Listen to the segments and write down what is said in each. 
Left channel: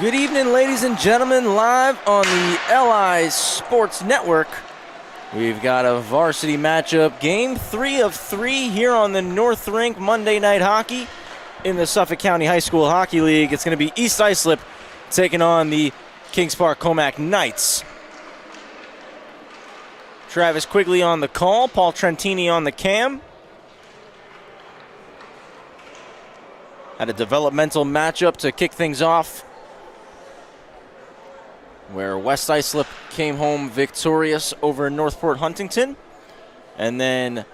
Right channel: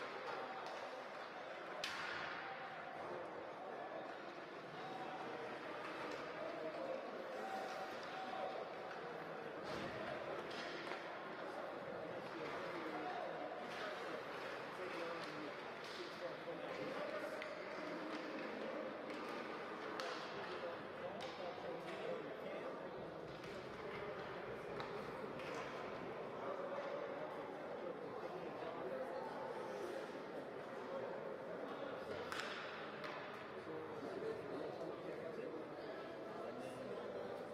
Good evening, ladies and gentlemen, live on the LI Sports Network. We've got a varsity matchup, game 3 of 3 here on the North Rink Monday Night Hockey in the Suffolk County High School Hockey League. It's going to be East Islip taking on the Kings Park Commack Knights. Travis Quigley on the call, Paul Trentini on the cam. Had a developmental matchup to kick things off, where West Islip came home victorious over Northport Huntington. And then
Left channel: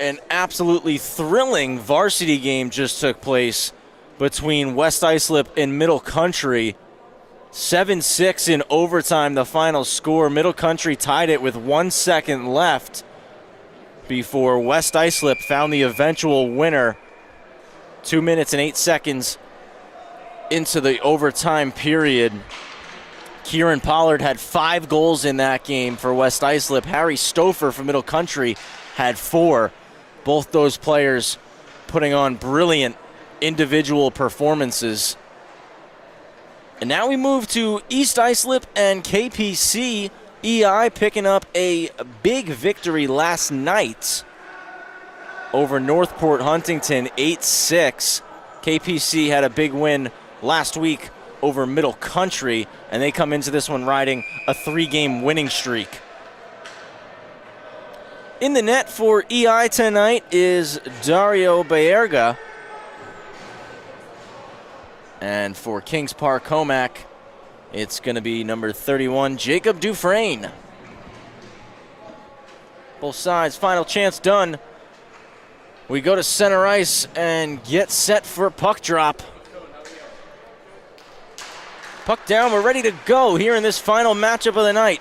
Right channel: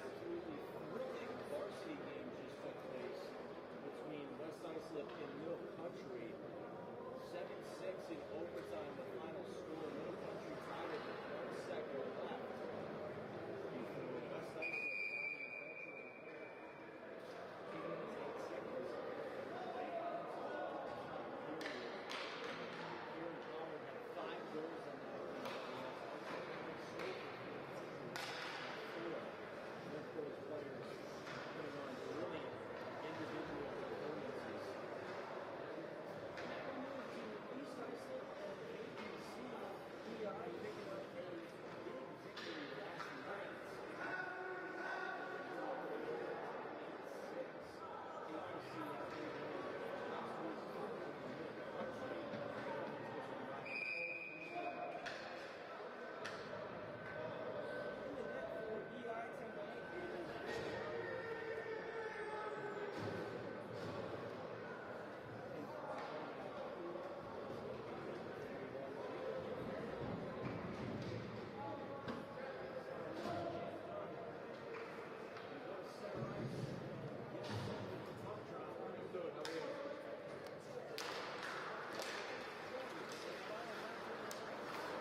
an absolutely thrilling varsity game just took place between West Islip and Middle Country. 7-6 in overtime, the final score. Middle Country tied it with 1 second left before West Islip found the eventual winner 2 minutes and 8 seconds into the overtime period. Kieran Pollard had 5 goals in that game for West Islip. Harry Stouffer from Middle Country had 4. Both those players putting on brilliant individual performances. And now we move to East Islip and KPC. EI picking up a big victory last night over Northport Huntington, 8-6. KPC had a big win last week over Middle Country, and they come into this one riding a 3-game winning streak. In the net for EI tonight is Dario Baerga. And for Kings Park Commack, it's going to be number 31, Jacob Dufresne. Both sides, final chance done. We go to center ice and get set for puck drop. Puck down, we're ready to go here in this final matchup of the night.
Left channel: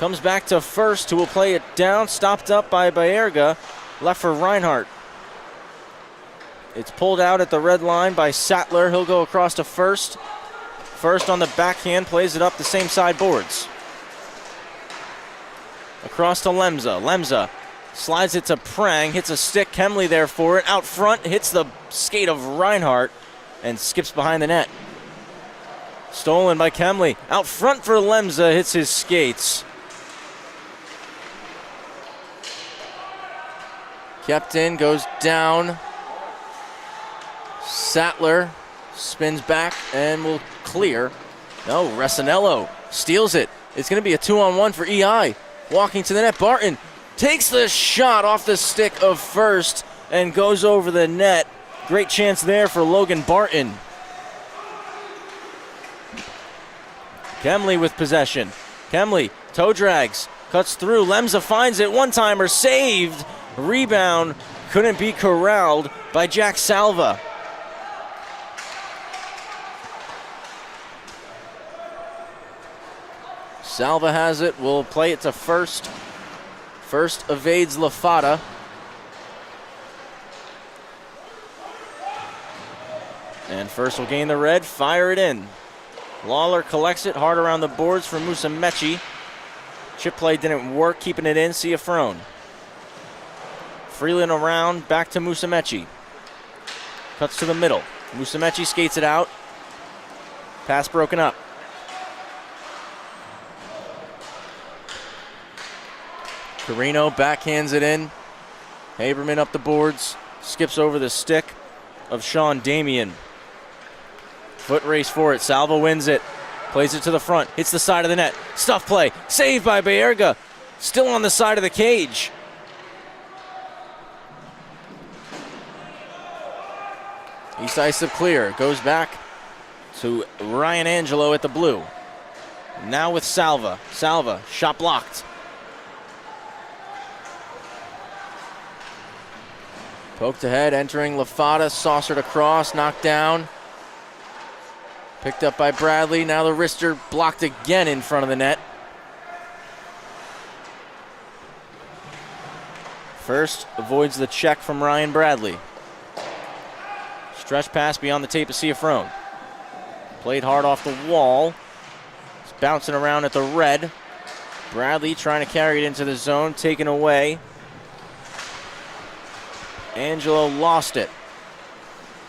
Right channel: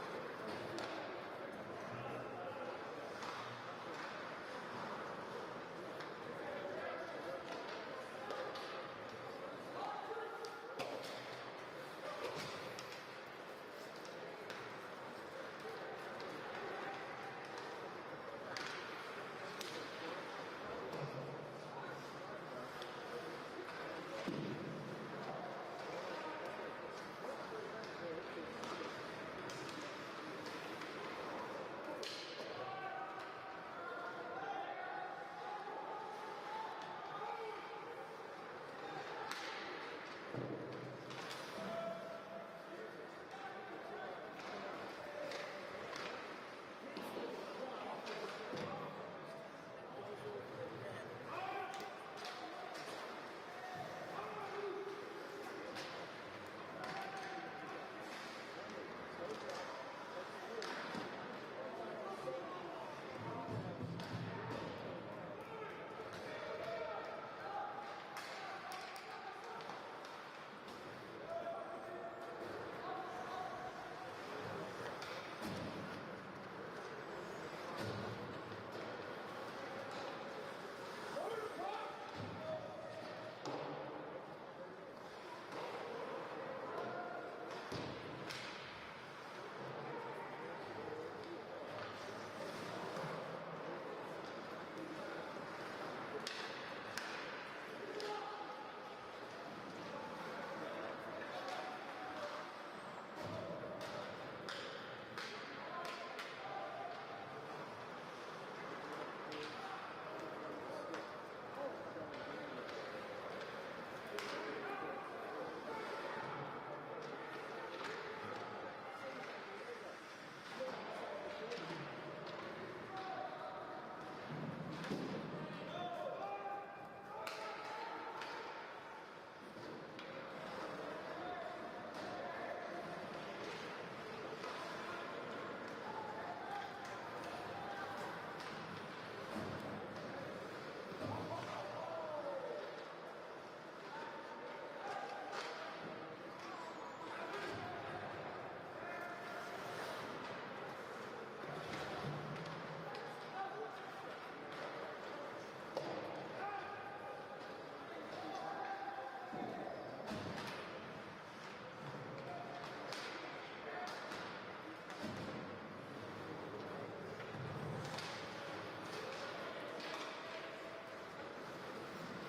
Comes back to first, who will play it down, stopped up by Baerga, left for Reinhardt. It's pulled out at the red line by Sattler. He'll go across to first. First on the backhand, plays it up the same side boards. Across to Lemza. Lemza slides it to Prang, hits a stick, Kemley there for it. Out front, hits the skate of Reinhardt and skips behind the net. Stolen by Kemley. Out front for Lemza, hits his skates. Kept in, goes down. Sattler spins back and will clear. No, Resinello steals it. It's going to be a 2-on-1 for EI. Walking to the net, Barton takes the shot off the stick of first and goes over the net. Great chance there for Logan Barton. Kemley with possession. Kemley, toe drags, cuts through. Lemza finds it, one-timer saved. Rebound couldn't be corralled by Jack Salva. Salva has it, will play it to first. First evades Lafata. And first will gain the red, fire it in. Lawler collects it, hard around the boards for Musumeci. Chip play didn't work, keeping it in, Ciafrone. Freeland around, back to Musumeci. Cuts to the middle. Musumeci skates it out. Pass broken up. Carino backhands it in. Haberman up the boards. Skips over the stick of Sean Damien. Foot race for it. Salva wins it. Plays it to the front. Hits the side of the net. Stuff play. Saved by Baerga. Still on the side of the cage. East Islip clear. Goes back to Ryan Angelo at the blue. Now with Salva. Salva, shot blocked. Poked ahead, entering Lafata, saucered across, knocked down. Picked up by Bradley, now the wrister blocked again in front of the net. First avoids the check from Ryan Bradley. Stretch pass beyond the tape of Ciafrone. Played hard off the wall. It's bouncing around at the red. Bradley trying to carry it into the zone, taken away. Angelo lost it.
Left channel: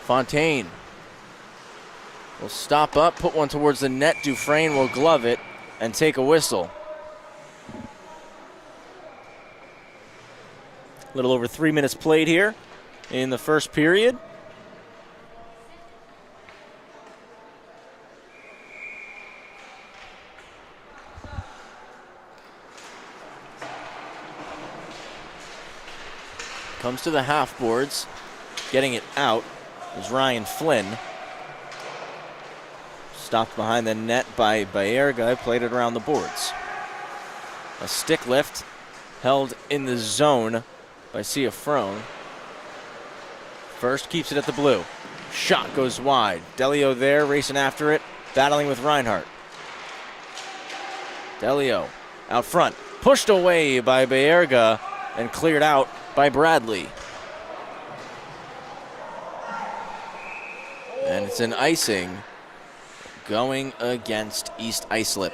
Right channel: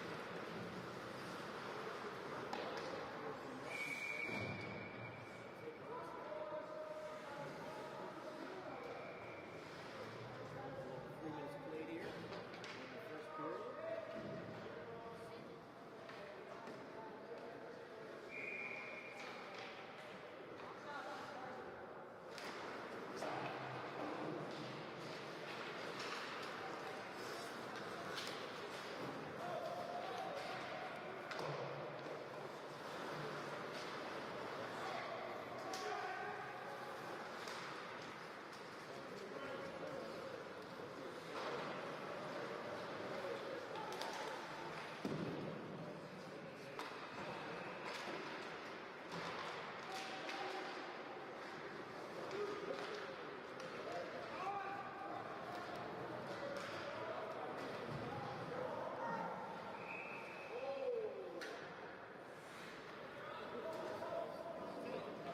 Fontaine will stop up, put one towards the net. Dufresne will glove it and take a whistle. A little over 3 minutes played here in the first period. Comes to the half boards, getting it out is Ryan Flynn. Stopped behind the net by Baerga, played it around the boards. A stick lift held in the zone by Ciafrone. First keeps it at the blue. Shot goes wide. Delio there, racing after it, battling with Reinhardt. Delio out front, pushed away by Baerga and cleared out by Bradley. And it's an icing going against East Islip.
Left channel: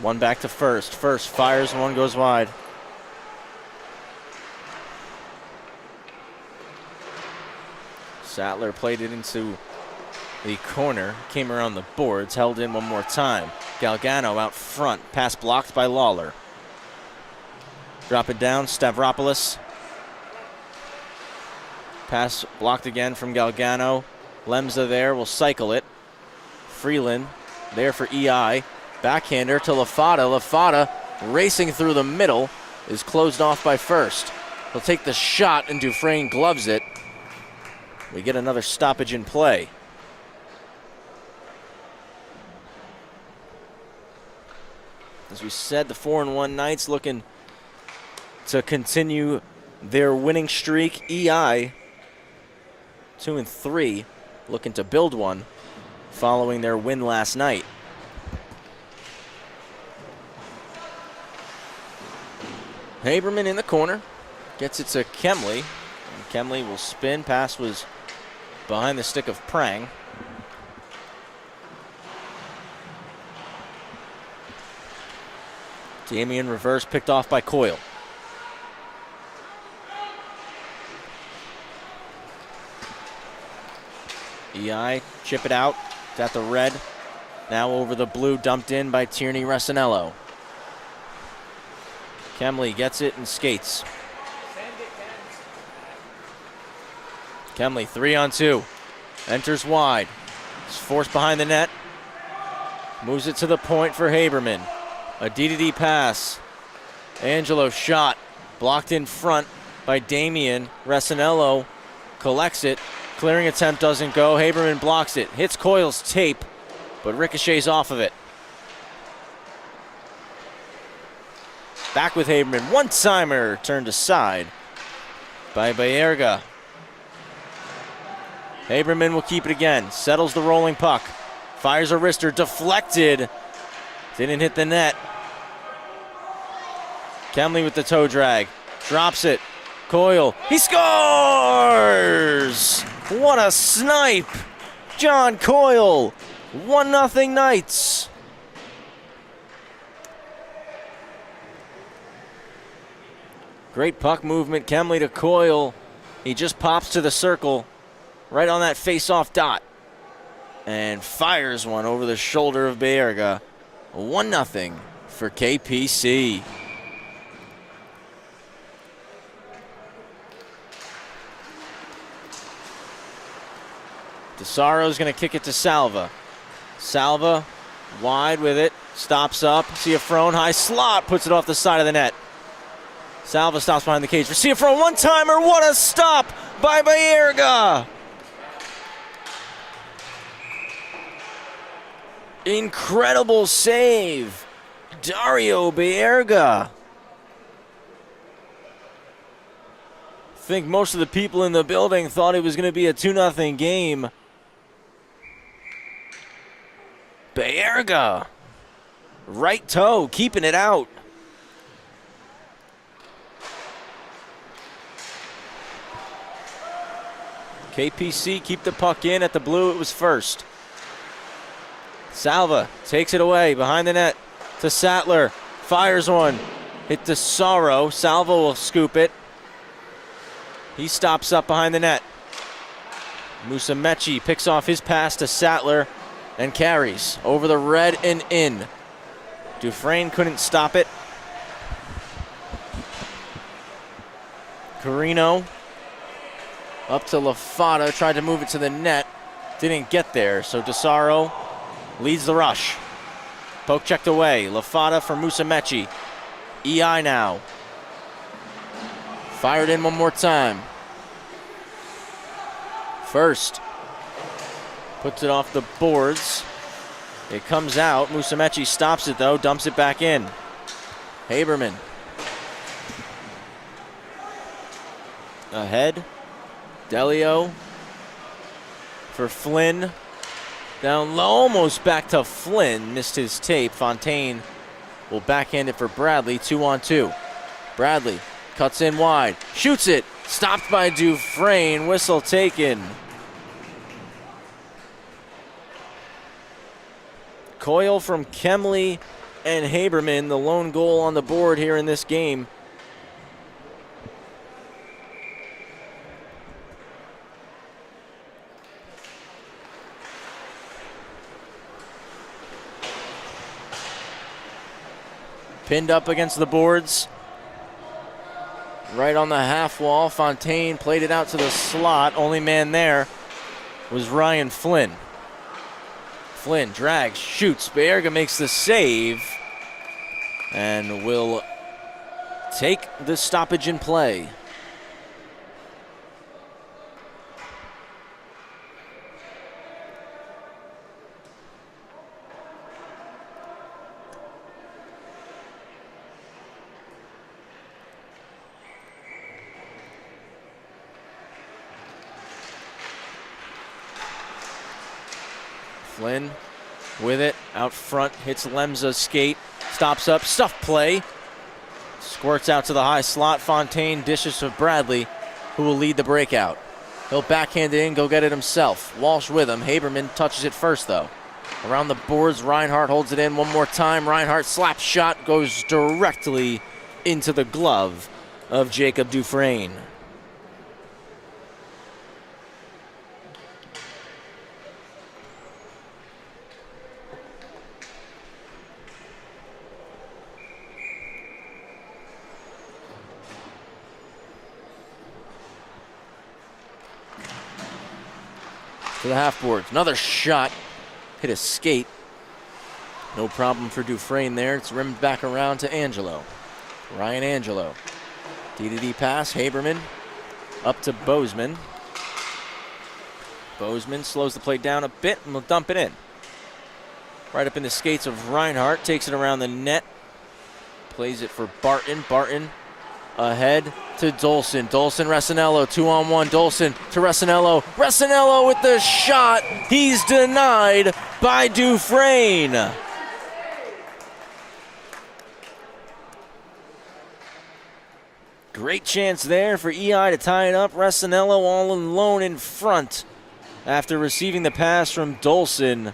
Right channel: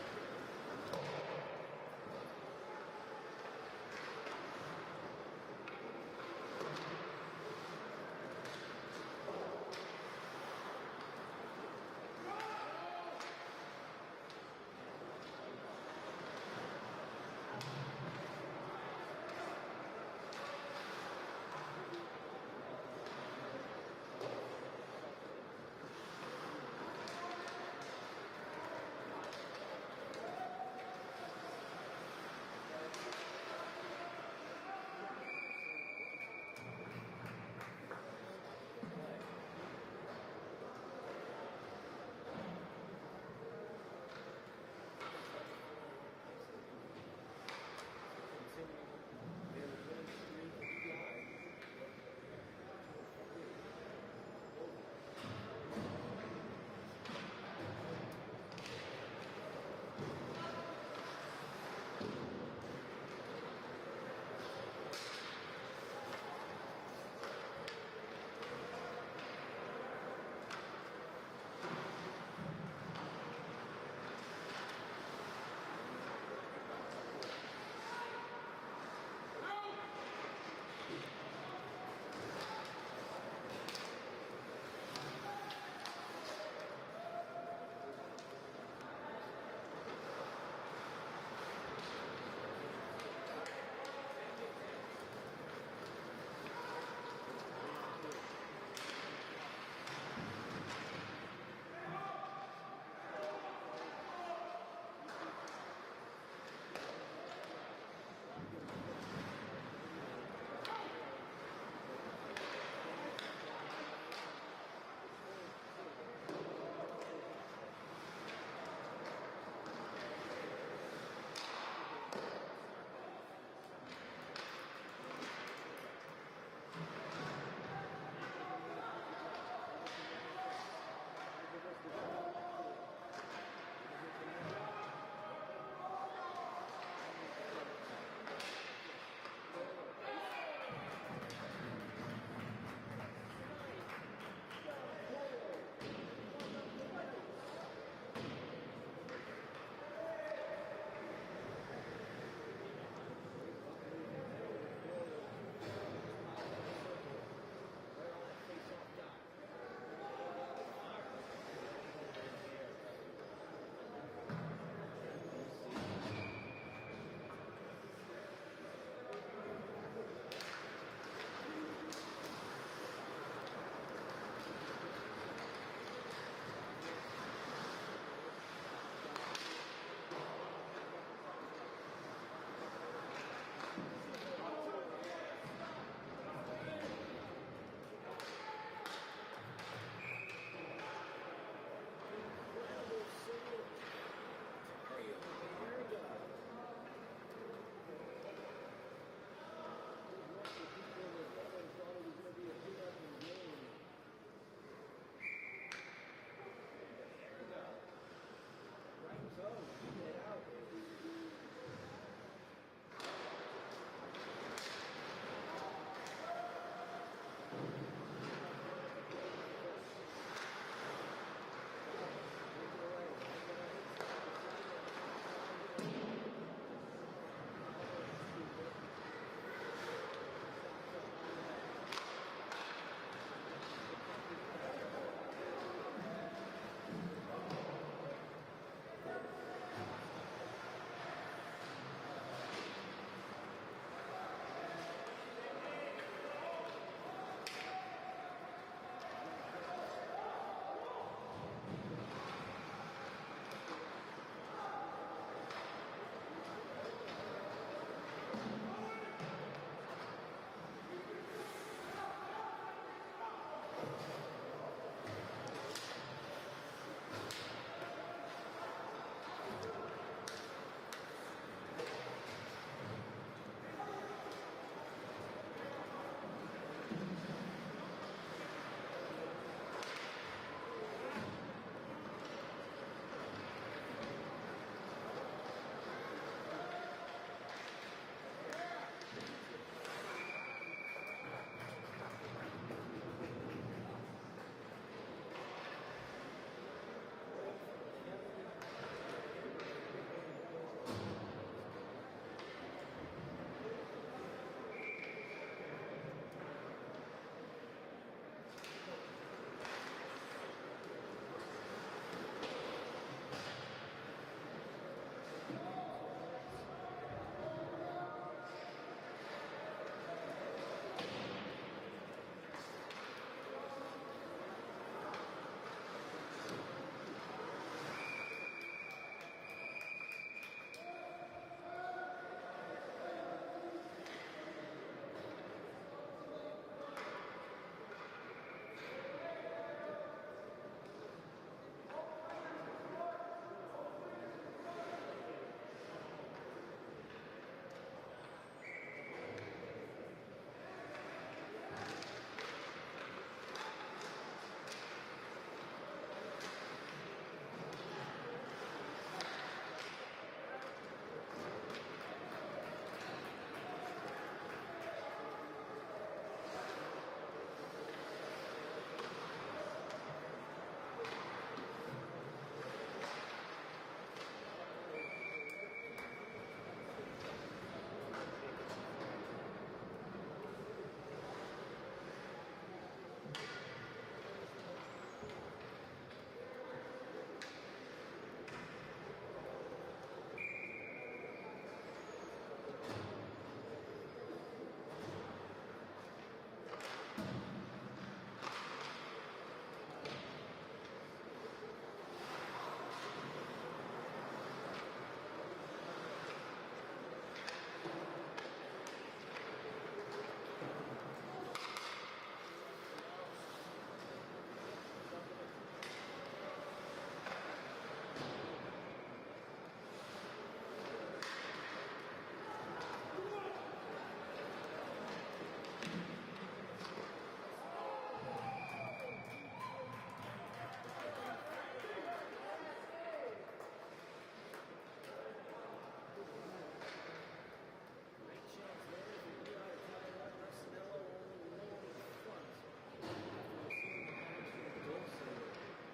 One back to first. First fires, one goes wide. Sattler played it into the corner, came around the boards, held in one more time. Galgano out front, pass blocked by Lawler. Drop it down, Stavropoulos. Pass blocked again from Galgano. Lemza there will cycle it. Freeland there for EI. Backhander to Lafada. Lafada racing through the middle is closed off by first. He'll take the shot and Dufresne gloves it. We get another stoppage in play. As we said, the 4-1 Knights looking to continue their winning streak. EI 2-3, looking to build one following their win last night. Haberman in the corner, gets it to Kemley. And Kemley will spin. Pass was behind the stick of Prang. Damian reverse, picked off by Coyle. EI, chip it out. It's at the red. Now over the blue, dumped in by Tierney Resinello. Kemley gets it and skates. Kemley 3-on-2. Enters wide. It's forced behind the net. Moves it to the point for Haberman. A D-to-D pass. Angelo shot. Blocked in front by Damian. Resinello collects it. Clearing attempt doesn't go. Haberman blocks it. Hits Coyle's tape, but ricochets off of it. Back with Haberman. One-timer turned aside by Baerga. Haberman will keep it again. Settles the rolling puck. Fires a wrister. Deflected. Didn't hit the net. Kemley with the toe drag. Drops it. Coyle. He scores! What a snipe! John Coyle. 1-0 Knights. Great puck movement. Kemley to Coyle. He just pops to the circle right on that face-off dot and fires one over the shoulder of Baerga. 1-0 for KPC. DeSaro's going to kick it to Salva. Salva wide with it. Stops up. Ciafrone high slot. Puts it off the side of the net. Salva stops behind the cage for Ciafrone. One-timer. What a stop by Baerga. Incredible save. Dario Baerga. I think most of the people in the building thought it was going to be a 2-0 game. Baerga. Right toe, keeping it out. KPC keep the puck in. At the blue, it was first. Salva takes it away behind the net to Sattler. Fires one. Hit to Sorrow. Salva will scoop it. He stops up behind the net. Musumeci picks off his pass to Sattler and carries over the red and in. Dufresne couldn't stop it. Carino up to Lafata, tried to move it to the net. Didn't get there, so DeSaro leads the rush. Poke checked away. Lafata for Musumeci. EI now. Fired in one more time. First. Puts it off the boards. It comes out. Musumeci stops it though, dumps it back in. Haberman. Ahead. Delio for Flynn. Down low, almost back to Flynn. Missed his tape. Fontaine will backhand it for Bradley. 2-on-2. Bradley cuts in wide. Shoots it. Stopped by Dufresne. Whistle taken. Coyle from Kemley and Haberman, the lone goal on the board here in this game. Pinned up against the boards. Right on the half wall. Fontaine played it out to the slot. Only man there was Ryan Flynn. Flynn drags, shoots. Bayerga makes the save and will take the stoppage in play. Flynn with it, out front, hits Lemza's skate, stops up, stuff play, squirts out to the high slot. Fontaine dishes to Bradley, who will lead the breakout. He'll backhand it in, go get it himself. Walsh with him. Haberman touches it first, though. Around the boards, Reinhardt holds it in one more time. Reinhardt slap shot goes directly into the glove of Jacob Dufresne. To the half boards. Another shot. Hit a skate. No problem for Dufresne there. It's rimmed back around to Angelo. Ryan Angelo. D-to-D pass. Haberman up to Bozeman. Bozeman slows the play down a bit and will dump it in. Right up in the skates of Reinhardt. Takes it around the net. Plays it for Barton. Barton ahead to Dolson. Dolson, Resinello, 2-on-1. Dolson to Resinello. Resinello with the shot. He's denied by Dufresne. Great chance there for EI to tie it up. Resinello all alone in front after receiving the pass from Dolson.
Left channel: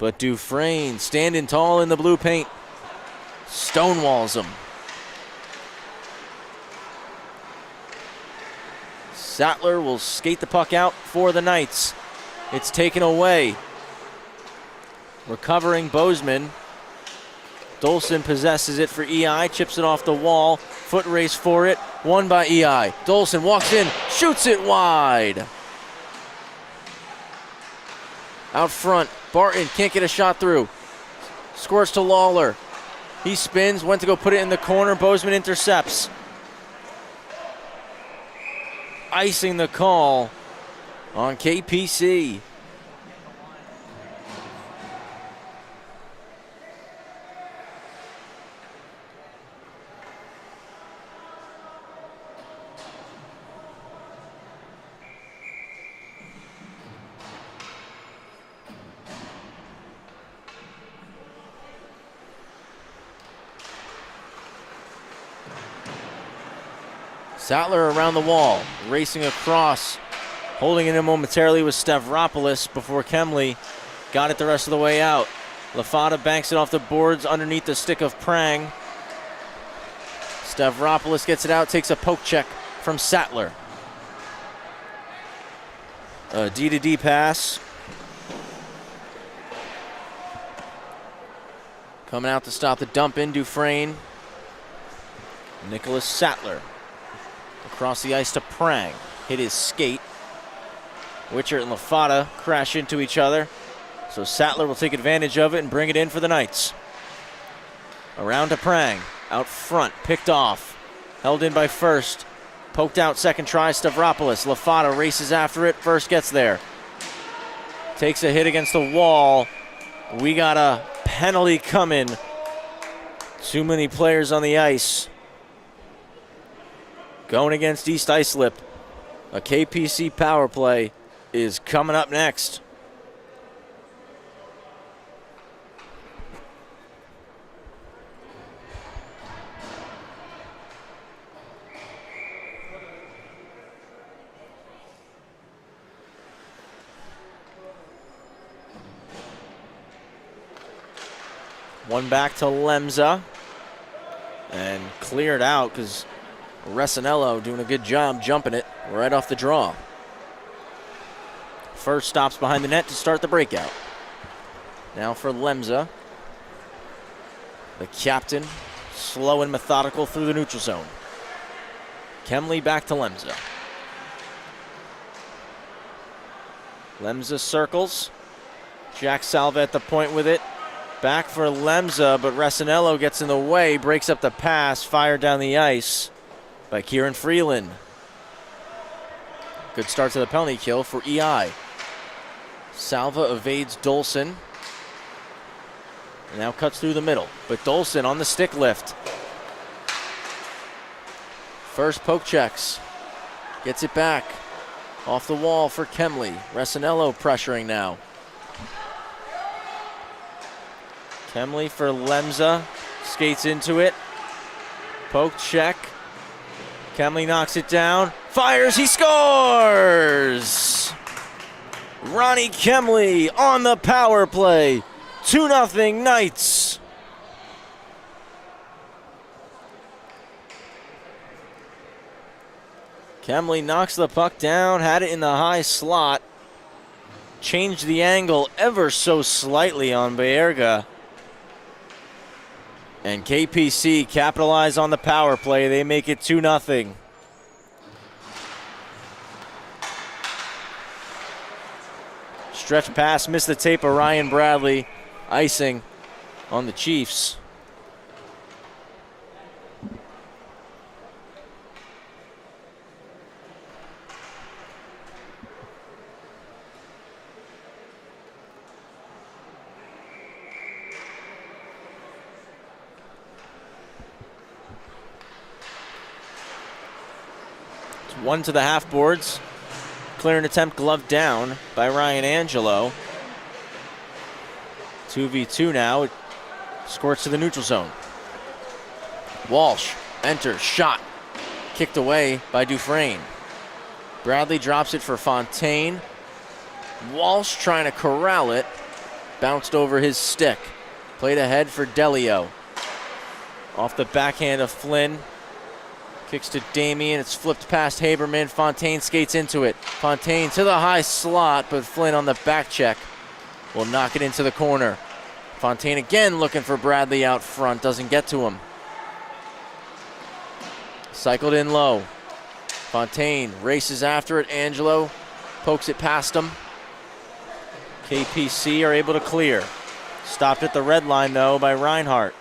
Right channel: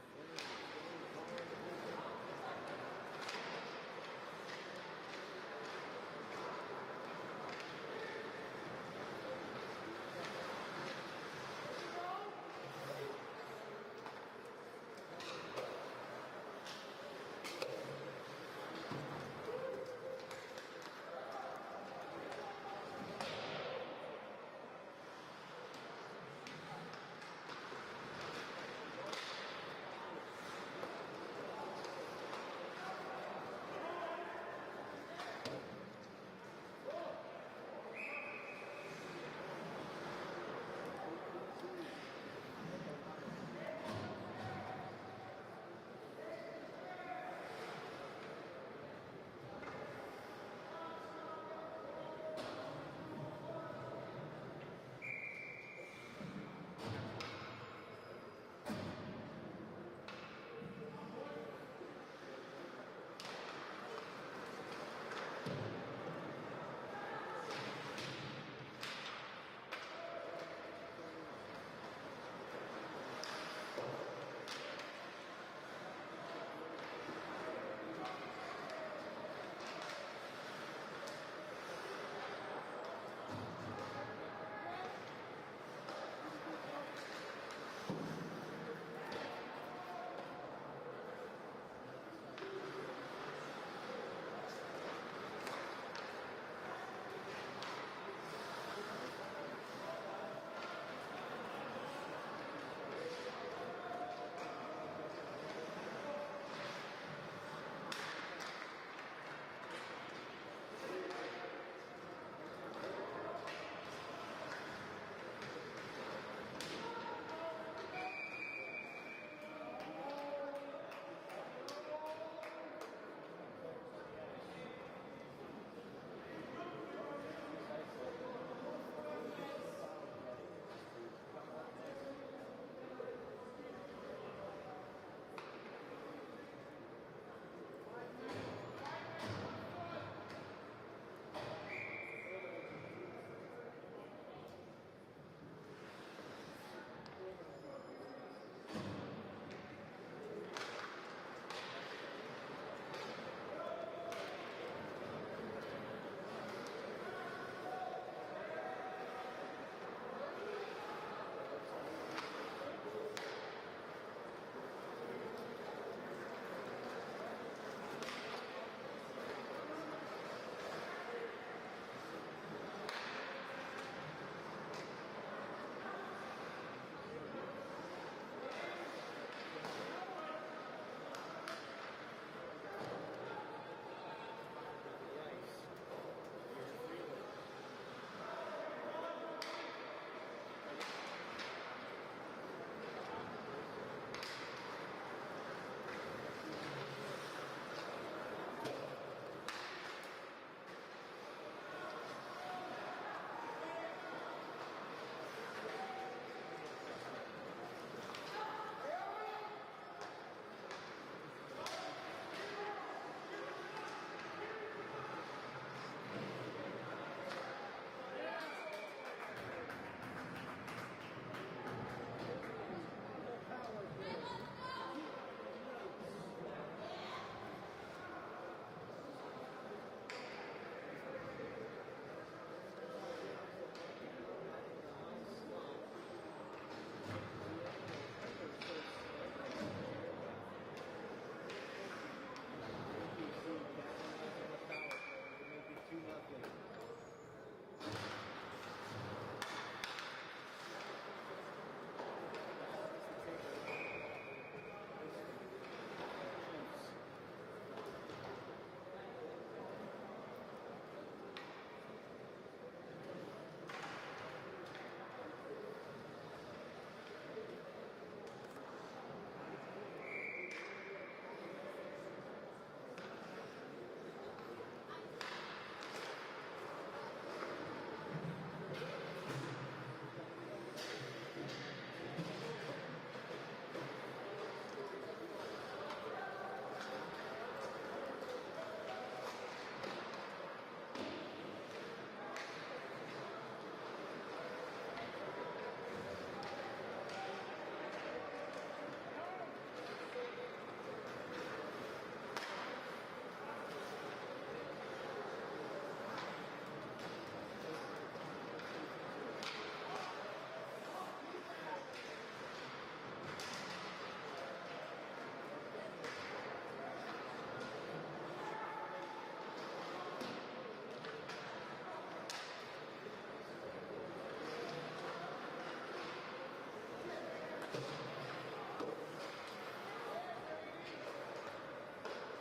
But Dufresne standing tall in the blue paint. Stonewalls him. Sattler will skate the puck out for the Knights. It's taken away. Recovering Bozeman. Dolson possesses it for EI, chips it off the wall. Foot race for it, won by EI. Dolson walks in, shoots it wide. Out front, Barton can't get a shot through. Squirts to Lawler. He spins, went to go put it in the corner. Bozeman intercepts. Icing the call on KPC. Sattler around the wall, racing across Holding it in momentarily was Stavropoulos before Kemley got it the rest of the way out. Lafata banks it off the boards underneath the stick of Prang. Stavropoulos gets it out, takes a poke check from Sattler. A D-to-D pass. Coming out to stop the dump in, Dufresne. Nicholas Sattler. Across the ice to Prang. Hit his skate. Witcher and Lafata crash into each other. So Sattler will take advantage of it and bring it in for the Knights. Around to Prang. Out front, picked off. Held in by first. Poked out second try, Stavropoulos. Lafata races after it. First gets there. Takes a hit against the wall. We got a penalty coming. Too many players on the ice. Going against East Islip. A KPC power play is coming up next. One back to Lemza. And cleared out because Resinello doing a good job jumping it right off the draw. First stops behind the net to start the breakout. Now for Lemza. The captain, slow and methodical through the neutral zone. Kemley back to Lemza. Lemza circles. Jack Salva at the point with it. Back for Lemza, but Resinello gets in the way, breaks up the pass, fired down the ice by Kieran Freeland. Good start to the penalty kill for EI. Salva evades Dolson. Now cuts through the middle, but Dolson on the stick lift. First poke checks. Gets it back. Off the wall for Kemley. Resinello pressuring now. Kemley for Lemza. Skates into it. Poke check. Kemley knocks it down. Fires, he scores! Ronnie Kemley on the power play. 2-0 Knights. Kemley knocks the puck down, had it in the high slot. Changed the angle ever so slightly on Baerga. And KPC capitalize on the power play. They make it 2-0. Stretch pass, missed the tape of Ryan Bradley. Icing on the Chiefs. One to the half boards. Clearing attempt gloved down by Ryan Angelo. 2v2 now. It squirts to the neutral zone. Walsh enters, shot. Kicked away by Dufresne. Bradley drops it for Fontaine. Walsh trying to corral it. Bounced over his stick. Played ahead for Delio. Off the backhand of Flynn. Kicks to Damien, it's flipped past Haberman. Fontaine skates into it. Fontaine to the high slot, but Flynn on the back check will knock it into the corner. Fontaine again looking for Bradley out front, doesn't get to him. Cycled in low. Fontaine races after it. Angelo pokes it past him. KPC are able to clear. Stopped at the red line though by Reinhardt.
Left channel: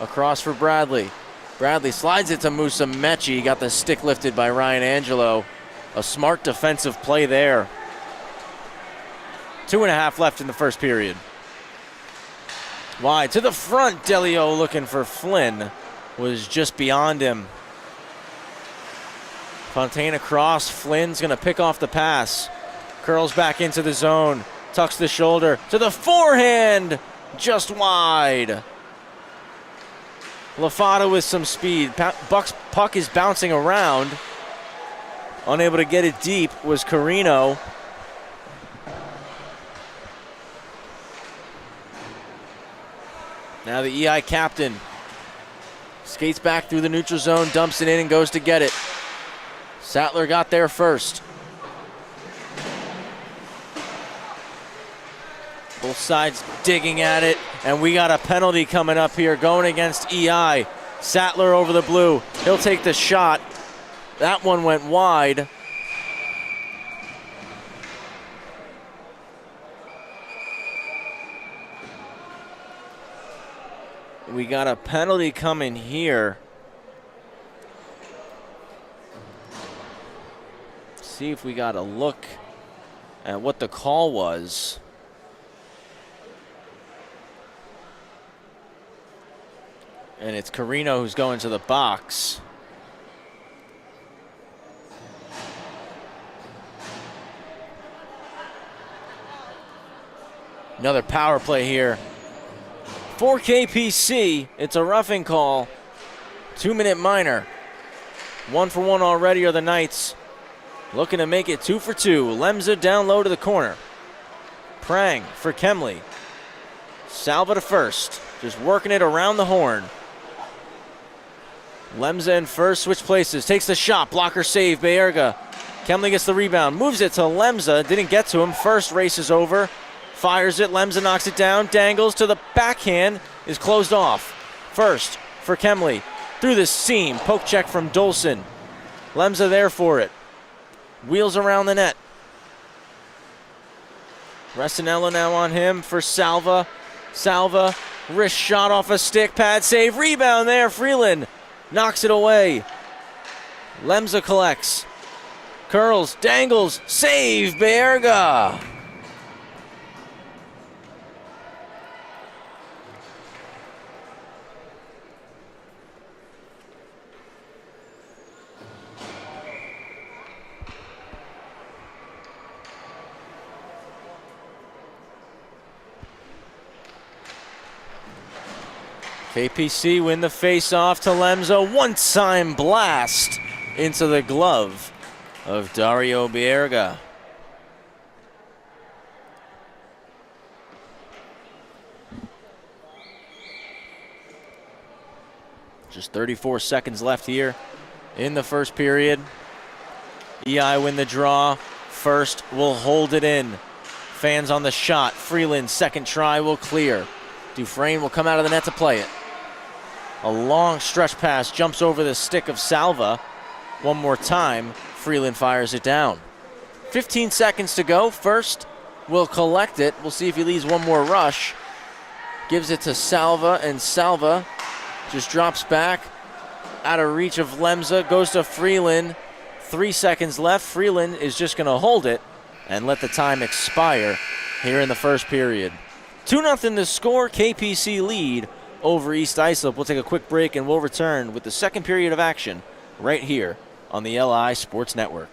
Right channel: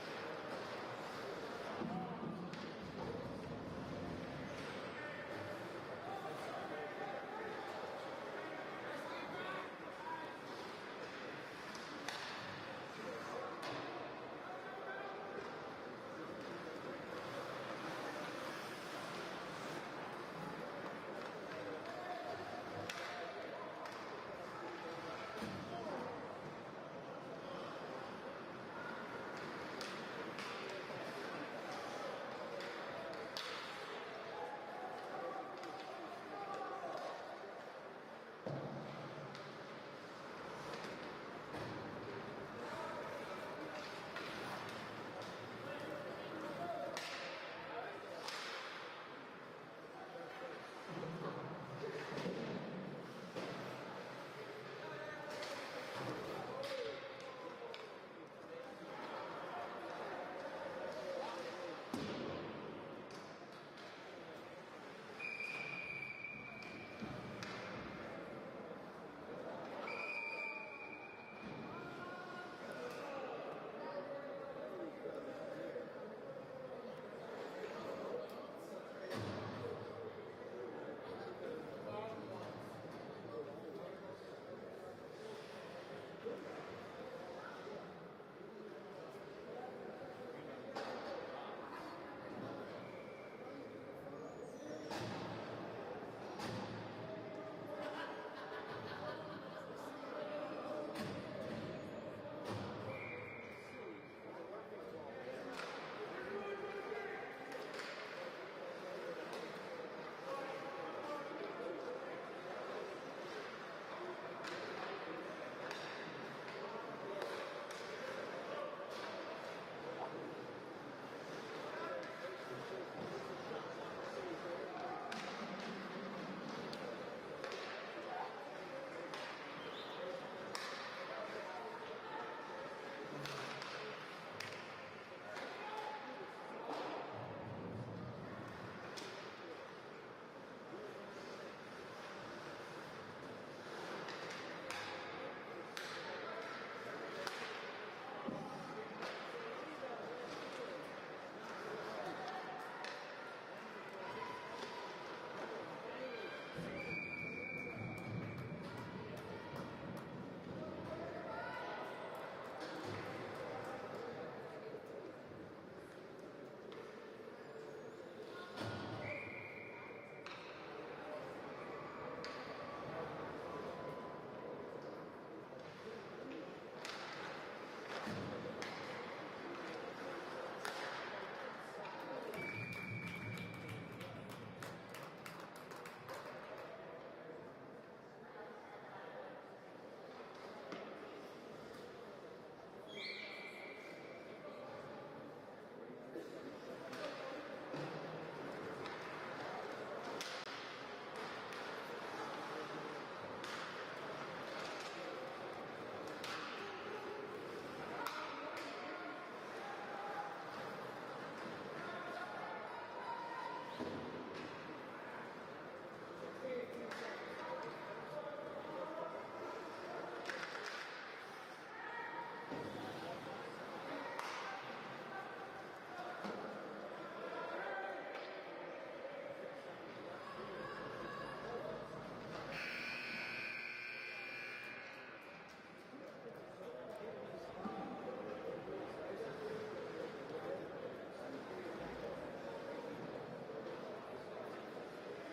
Across for Bradley. Bradley slides it to Musa Mechie. Got the stick lifted by Ryan Angelo. A smart defensive play there. 2.5 left in the first period. Wide to the front. Delio looking for Flynn. Was just beyond him. Fontaine across. Flynn's going to pick off the pass. Curls back into the zone. Tucks the shoulder. To the forehand. Just wide. Lafata with some speed. Puck is bouncing around. Unable to get it deep was Carino. Now the EI captain skates back through the neutral zone, dumps it in, and goes to get it. Sattler got there first. Both sides digging at it, and we got a penalty coming up here going against EI. Sattler over the blue. He'll take the shot. That one went wide. We got a penalty coming here. See if we got a look at what the call was. And it's Carino who's going to the box. Another power play here. For KPC, it's a roughing call. 2-minute minor. 1 for 1 already are the Knights. Looking to make it 2 for 2. Lemza down low to the corner. Prang for Kemley. Salva to first. Just working it around the horn. Lemza in first, switch places. Takes the shot. Blocker save, Bayerga. Kemley gets the rebound. Moves it to Lemza. Didn't get to him. First races over. Fires it, Lemza knocks it down, dangles to the backhand, is closed off. First for Kemley, through the seam, poke check from Dolson. Lemza there for it. Wheels around the net. Restinello now on him for Salva. Salva, wrist shot off a stick, pad save, rebound there, Freeland knocks it away. Lemza collects, curls, dangles, save, Bayerga. KPC win the face-off to Lemza. One-time blast into the glove of Dario Bayerga. Just 34 seconds left here in the first period. EI win the draw. First will hold it in. Fans on the shot. Freeland, second try will clear. Dufresne will come out of the net to play it. A long stretch pass jumps over the stick of Salva. One more time, Freeland fires it down. 15 seconds to go. First will collect it. We'll see if he leaves one more rush. Gives it to Salva, and Salva just drops back out of reach of Lemza. Goes to Freeland. 3 seconds left. Freeland is just going to hold it and let the time expire here in the first period. 2-0 the score. KPC lead over East Islip. We'll take a quick break and we'll return with the second period of action right here on the LI Sports Network.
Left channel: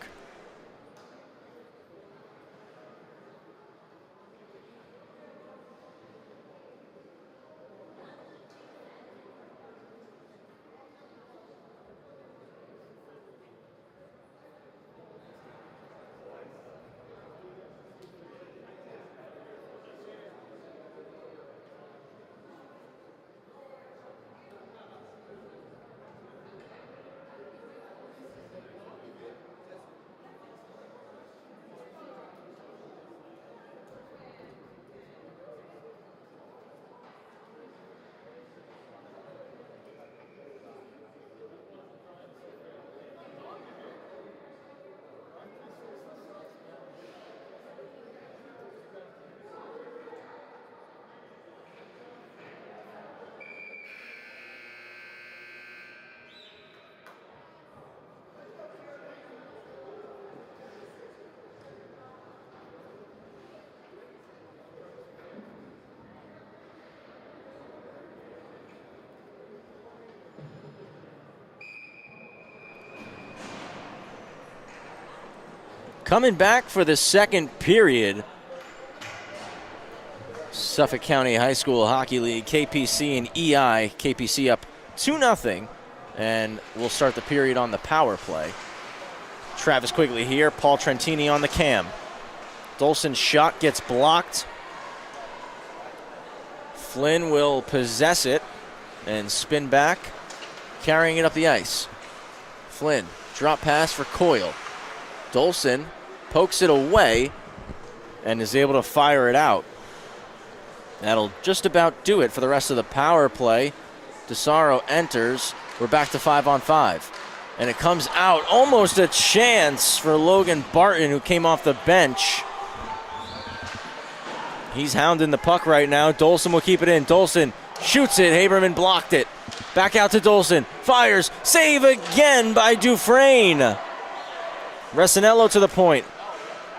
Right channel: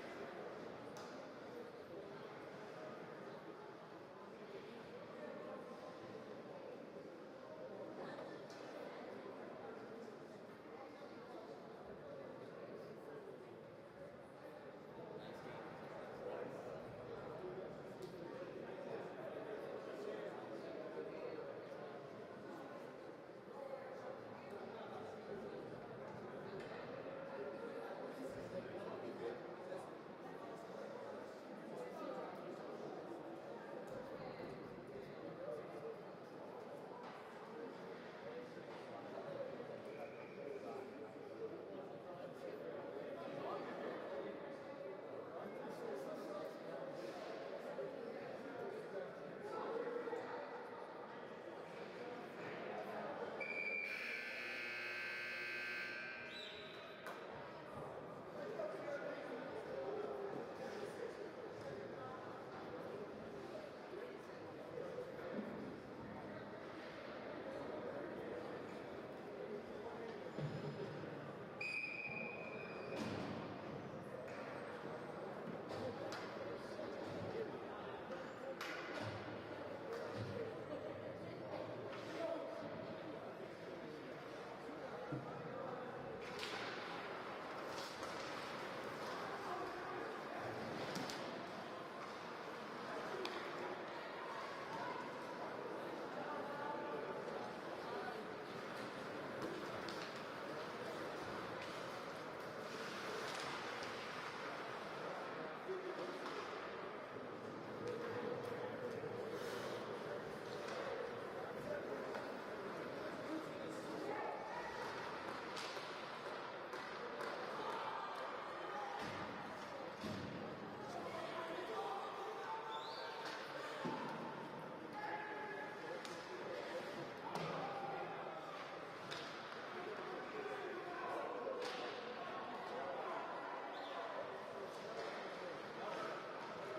Coming back for the second period, Suffolk County High School Hockey League, KPC and EI. KPC up 2-0, and we'll start the period on the power play. Travis Quigley here, Paul Trentini on the cam. Dolson's shot gets blocked. Flynn will possess it and spin back, carrying it up the ice. Flynn, drop pass for Coyle. Dolson pokes it away and is able to fire it out. That'll just about do it for the rest of the power play. DeSaro enters. We're back to 5-on-5. And it comes out, almost a chance for Logan Barton, who came off the bench. He's hounding the puck right now. Dolson will keep it in. Dolson shoots it. Haberman blocked it. Back out to Dolson. Fires. Save again by Dufresne. Resinello to the point.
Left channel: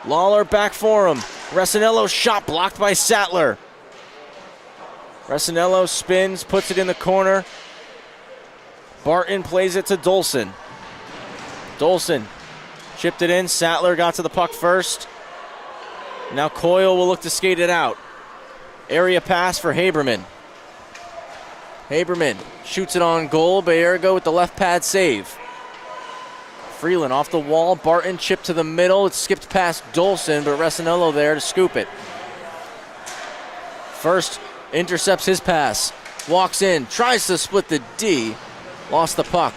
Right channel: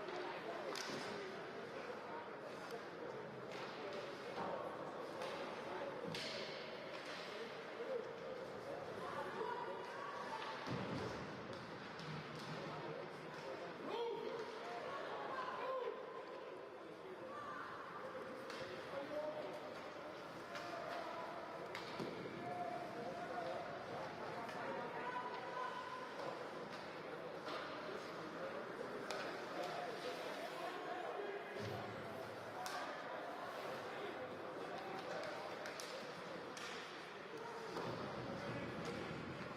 Lawler back for him. Resinello shot blocked by Sattler. Resinello spins, puts it in the corner. Barton plays it to Dolson. Dolson chipped it in. Sattler got to the puck first. Now Coyle will look to skate it out. Area pass for Haberman. Haberman shoots it on goal. Bayerga with the left pad save. Freeland off the wall. Barton chipped to the middle. It skipped past Dolson, but Resinello there to scoop it. First intercepts his pass. Walks in. Tries to split the D. Lost the puck.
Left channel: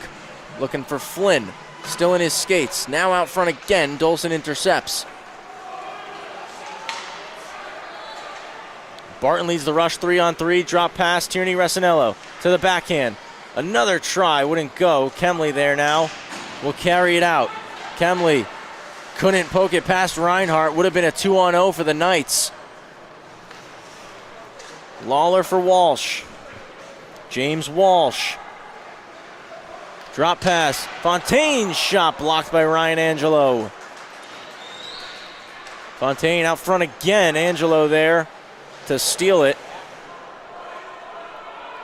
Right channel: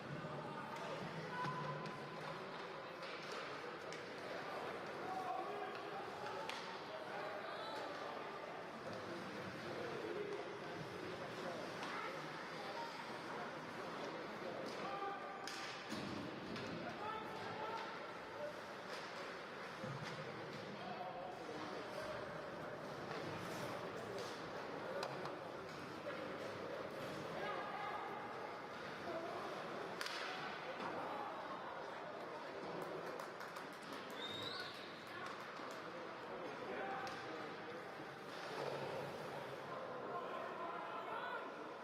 Looking for Flynn. Still in his skates. Now out front again. Dolson intercepts. Barton leads the rush 3-on-3. Drop pass. Tierney Resinello to the backhand. Another try. Wouldn't go. Kemley there now. Will carry it out. Kemley couldn't poke it past Reinhart. Would have been a 2-on-0 for the Knights. Lawler for Walsh. James Walsh. Drop pass. Fontaine's shot blocked by Ryan Angelo. Fontaine out front again. Angelo there to steal it.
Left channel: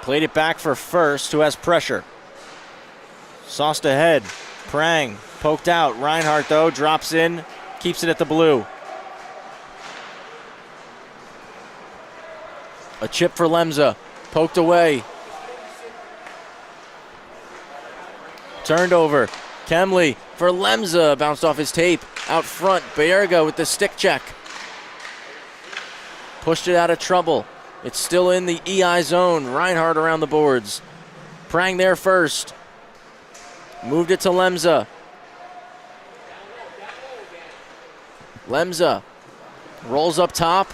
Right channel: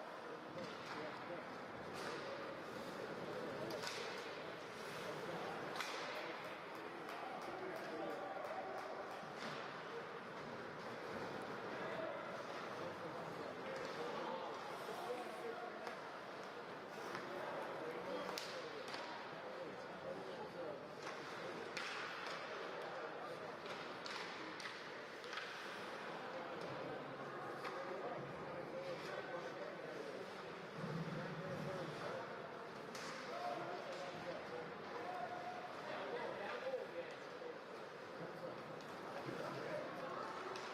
Played it back for First, who has pressure. Sauced ahead. Prang poked out. Reinhart, though, drops in, keeps it at the blue. A chip for Lemza. Poked away. Turned over. Kemley for Lemza. Bounced off his tape. Out front, Bayerga with the stick check. Pushed it out of trouble. It's still in the EI zone. Reinhart around the boards. Prang there first. Moved it to Lemza. Lemza rolls up top.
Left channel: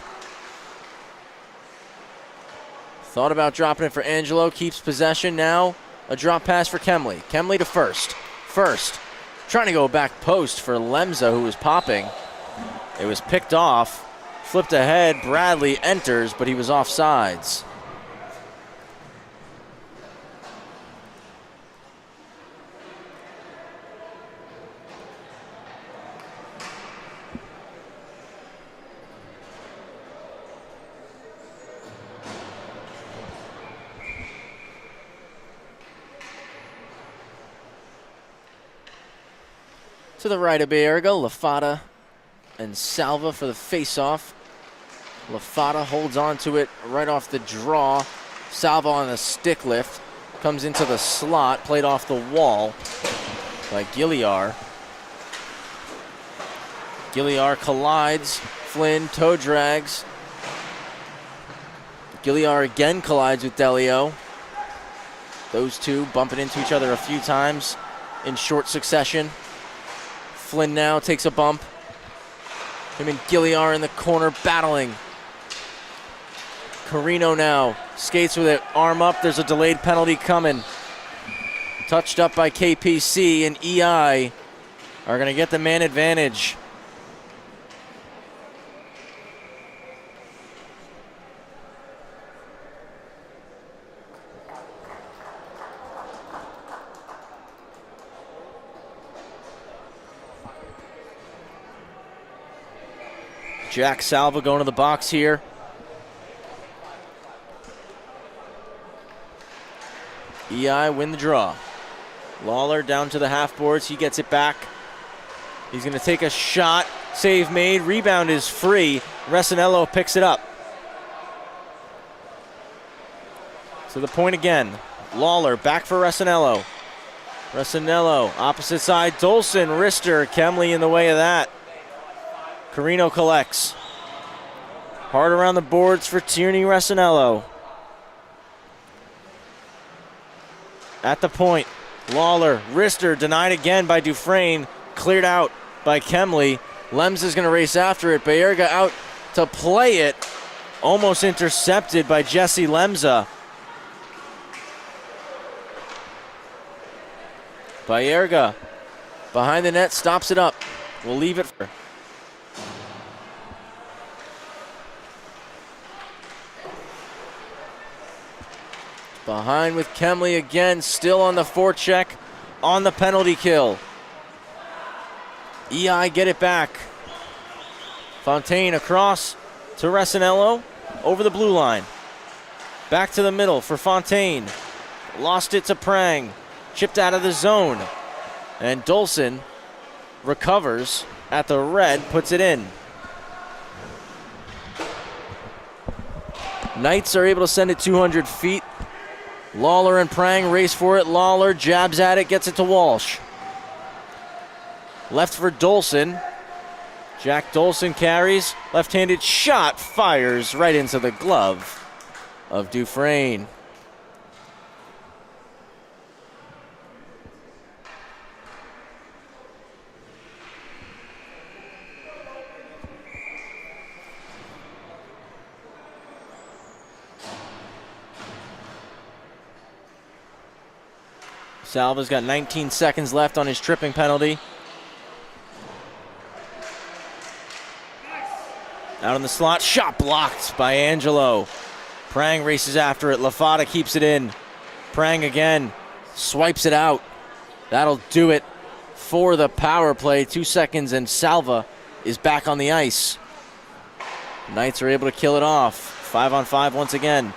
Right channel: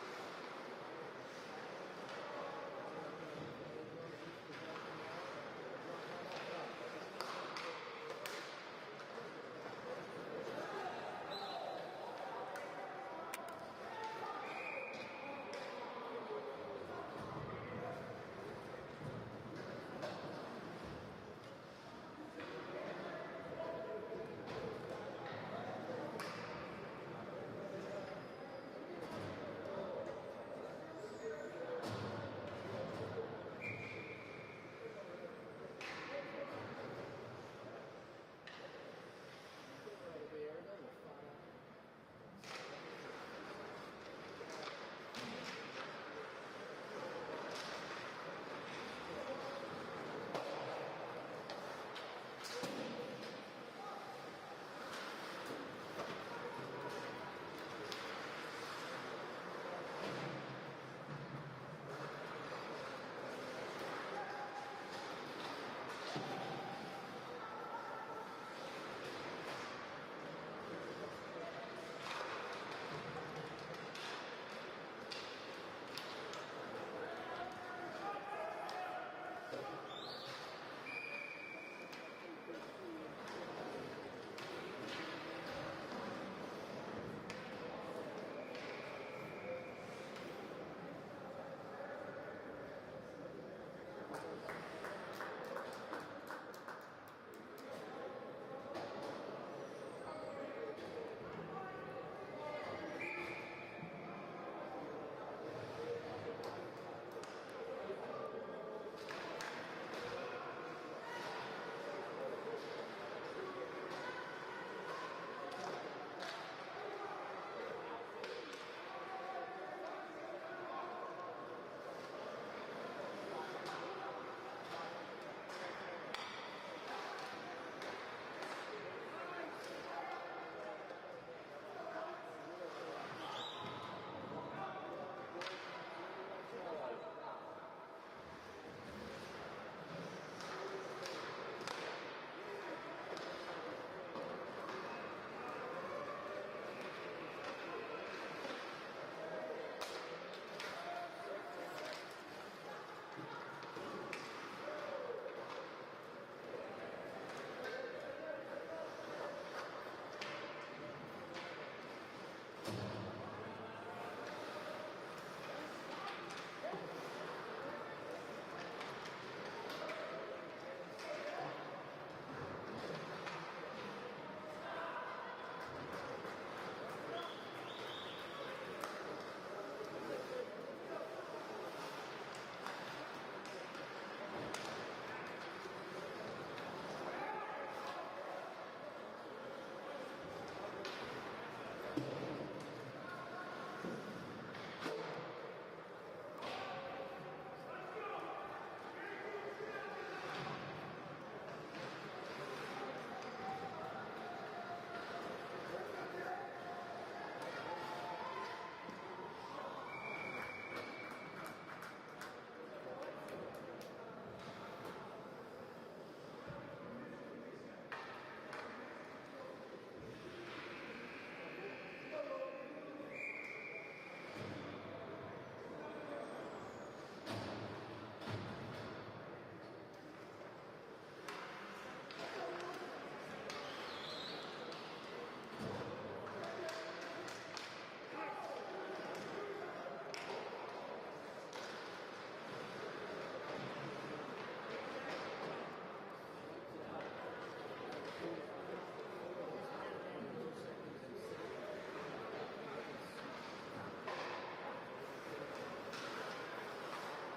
Thought about dropping it for Angelo. Keeps possession now. A drop pass for Kemley. Kemley to First. First trying to go back post for Lemza, who was popping. It was picked off. Flipped ahead. Bradley enters, but he was offsides. To the right of Bayerga, Lafata and Salva for the face-off. Lafata holds on to it right off the draw. Salva on a stick lift. Comes into the slot, played off the wall by Gilliar. Gilliar collides. Flynn toe drags. Gilliar again collides with Delio. Those two bumping into each other a few times in short succession. Flynn now takes a bump. Him and Gilliar in the corner battling. Carino now skates with it, arm up. There's a delayed penalty coming. Touched up by KPC, and EI are going to get the man advantage. Jack Salva going to the box here. EI win the draw. Lawler down to the half boards. He gets it back. He's going to take a shot. Save made. Rebound is free. Resinello picks it up. To the point again. Lawler back for Resinello. Resinello, opposite side, Dolson, wrister, Kemley in the way of that. Carino collects. Hard around the boards for Tierney Resinello. At the point, Lawler, wrister, denied again by Dufresne, cleared out by Kemley. Lems is going to race after it. Bayerga out to play it. Almost intercepted by Jesse Lemza. Bayerga behind the net, stops it up. We'll leave it for. Behind with Kemley again, still on the forecheck, on the penalty kill. EI get it back. Fontaine across to Resinello, over the blue line. Back to the middle for Fontaine. Lost it to Prang. Chipped out of the zone. And Dolson recovers at the red, puts it in. Knights are able to send it 200 feet. Lawler and Prang race for it. Lawler jabs at it, gets it to Walsh. Left for Dolson. Jack Dolson carries. Left-handed shot fires right into the glove of Dufresne. Salva's got 19 seconds left on his tripping penalty. Out in the slot, shot blocked by Angelo. Prang races after it, Lafada keeps it in. Prang again, swipes it out. That'll do it for the power play. 2 seconds and Salva is back on the ice. Knights are able to kill it off. 5-on-5 once again.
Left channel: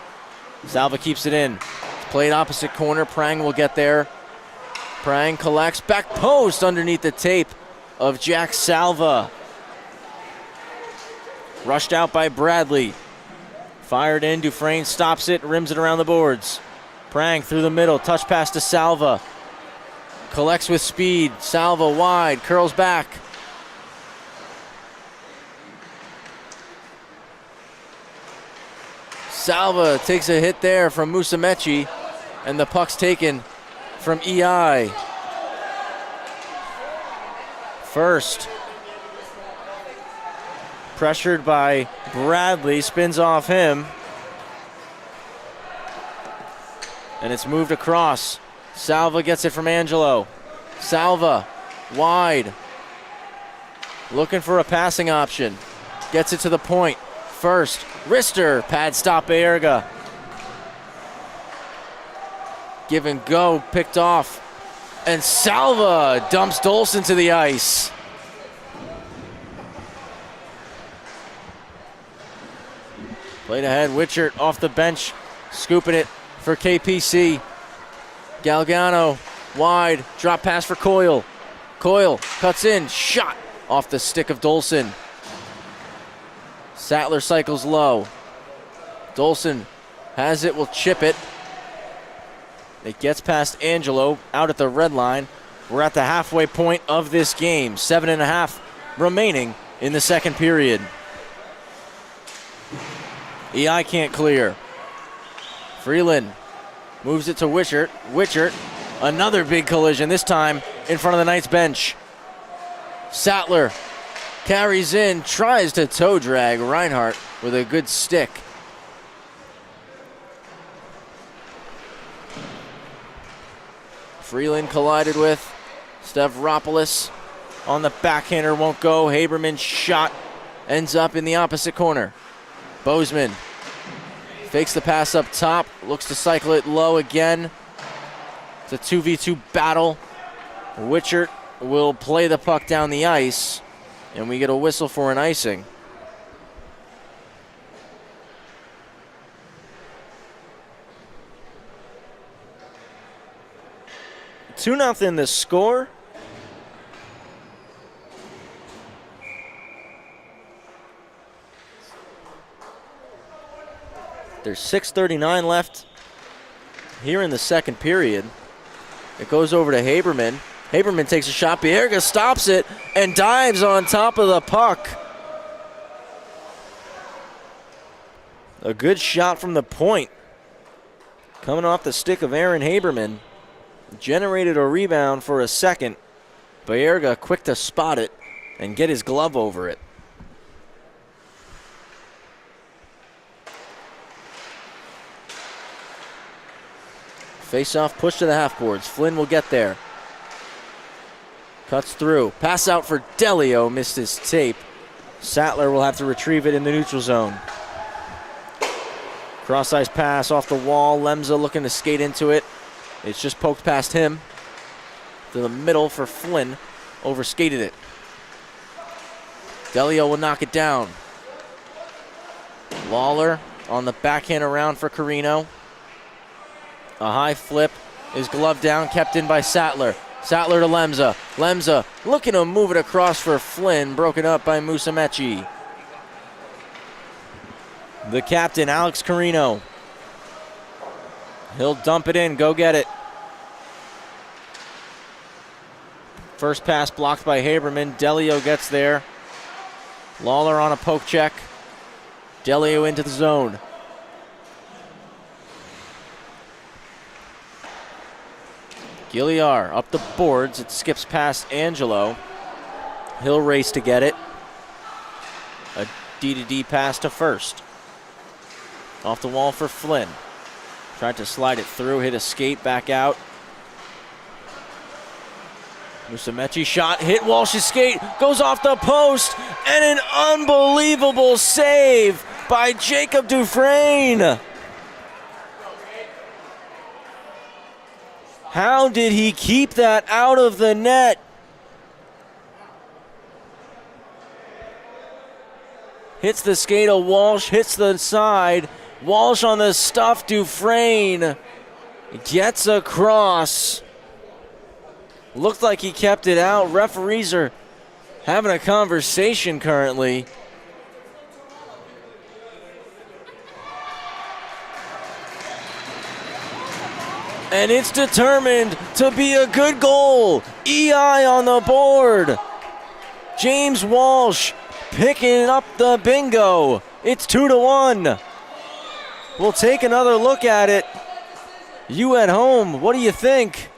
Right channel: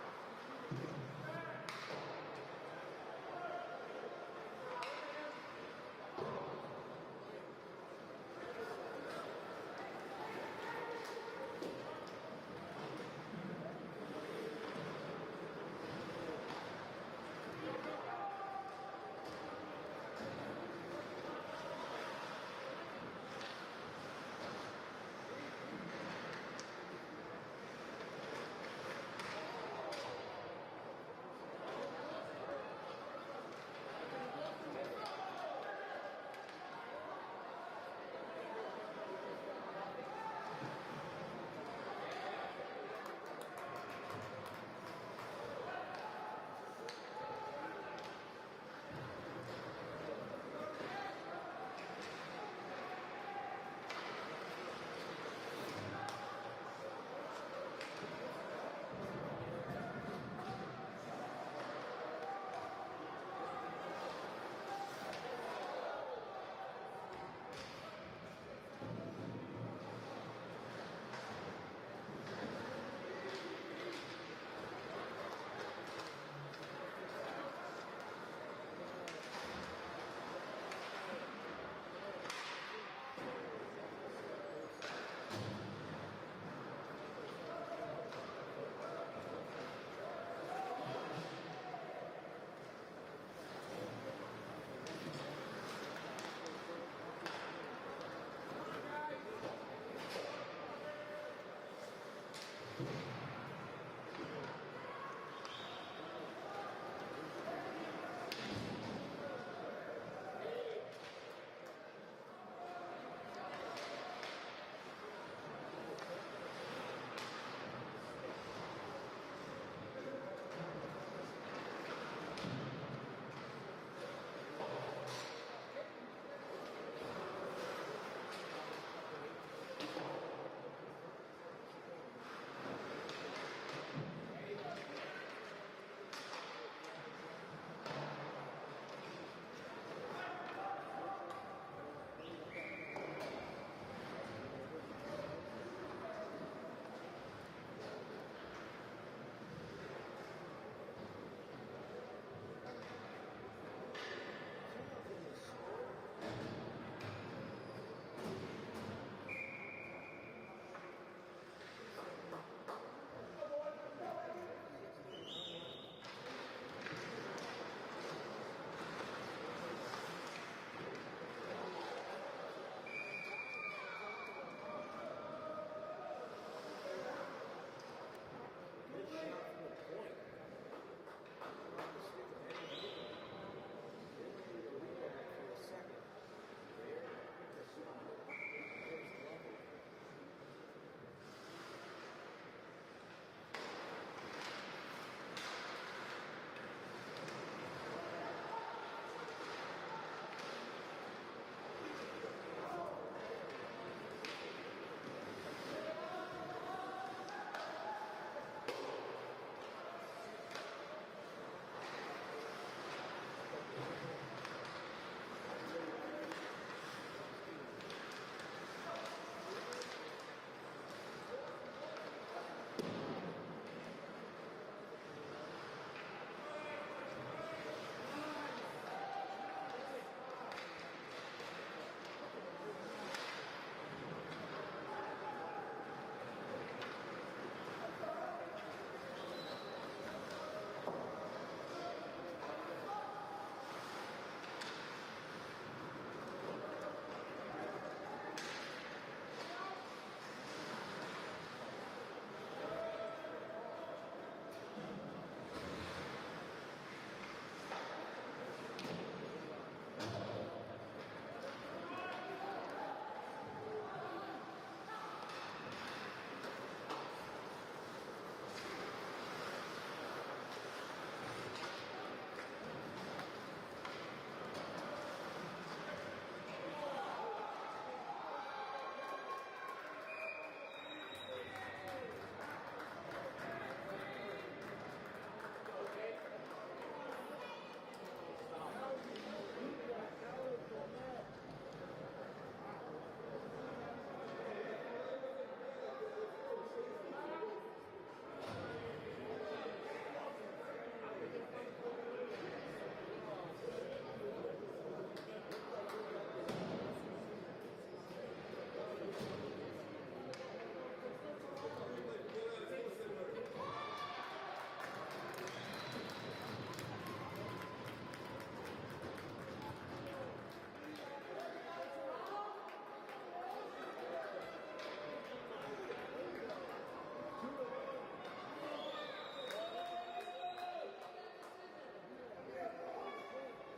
Salva keeps it in. It's played opposite corner, Prang will get there. Prang collects, back post underneath the tape of Jack Salva. Rushed out by Bradley. Fired in, Dufresne stops it, rims it around the boards. Prang through the middle, touch pass to Salva. Collects with speed, Salva wide, curls back. Salva takes a hit there from Musumeci, and the puck's taken from EI. First. Pressured by Bradley, spins off him. And it's moved across. Salva gets it from Angelo. Salva, wide. Looking for a passing option. Gets it to the point. First, wrister, pad stop Bayerga. Give and go, picked off. And Salva dumps Dolson to the ice. Played ahead, Witchert off the bench, scooping it for KPC. Galgano, wide, drop pass for Coyle. Coyle cuts in, shot off the stick of Dolson. Sattler cycles low. Dolson has it, will chip it. It gets past Angelo, out at the red line. We're at the halfway point of this game. 7.5 remaining in the second period. EI can't clear. Freeland moves it to Witchert. Witchert, another big collision, this time in front of the Knights bench. Sattler carries in, tries to toe drag Reinhardt with a good stick. Freeland collided with Stavropoulos on the backhander, won't go. Haberman's shot ends up in the opposite corner. Bozeman fakes the pass up top, looks to cycle it low again. It's a 2v2 battle. Witchert will play the puck down the ice, and we get a whistle for an icing. 2-0 the score. There's 6:39 left here in the second period. It goes over to Haberman. Haberman takes a shot. Baerga stops it and dives on top of the puck. A good shot from the point. Coming off the stick of Aaron Haberman. Generated a rebound for a second. Baerga quick to spot it and get his glove over it. Face-off push to the half boards. Flynn will get there. Cuts through. Pass out for Delio. Missed his tape. Sattler will have to retrieve it in the neutral zone. Cross-ice pass off the wall. Lemza looking to skate into it. It's just poked past him. To the middle for Flynn. Overskated it. Delio will knock it down. Lawler on the backhand around for Carino. A high flip is gloved down, kept in by Sattler. Sattler to Lemza. Lemza looking to move it across for Flynn, broken up by Musumeci. The captain, Alex Carino. He'll dump it in, go get it. First pass blocked by Haberman. Delio gets there. Lawler on a poke check. Delio into the zone. Gilliar up the boards. It skips past Angelo. He'll race to get it. A D-to-D pass to first. Off the wall for Flynn. Tried to slide it through, hit a skate, back out. Musumeci shot, hit Walsh's skate, goes off the post, and an unbelievable save by Jacob Dufresne. How did he keep that out of the net? Hits the skate of Walsh, hits the side. Walsh on the stuff, Dufresne gets across. Looked like he kept it out. Referees are having a conversation currently. And it's determined to be a good goal. EI on the board. James Walsh picking up the bingo. It's 2-1. We'll take another look at it. You at home, what do you think?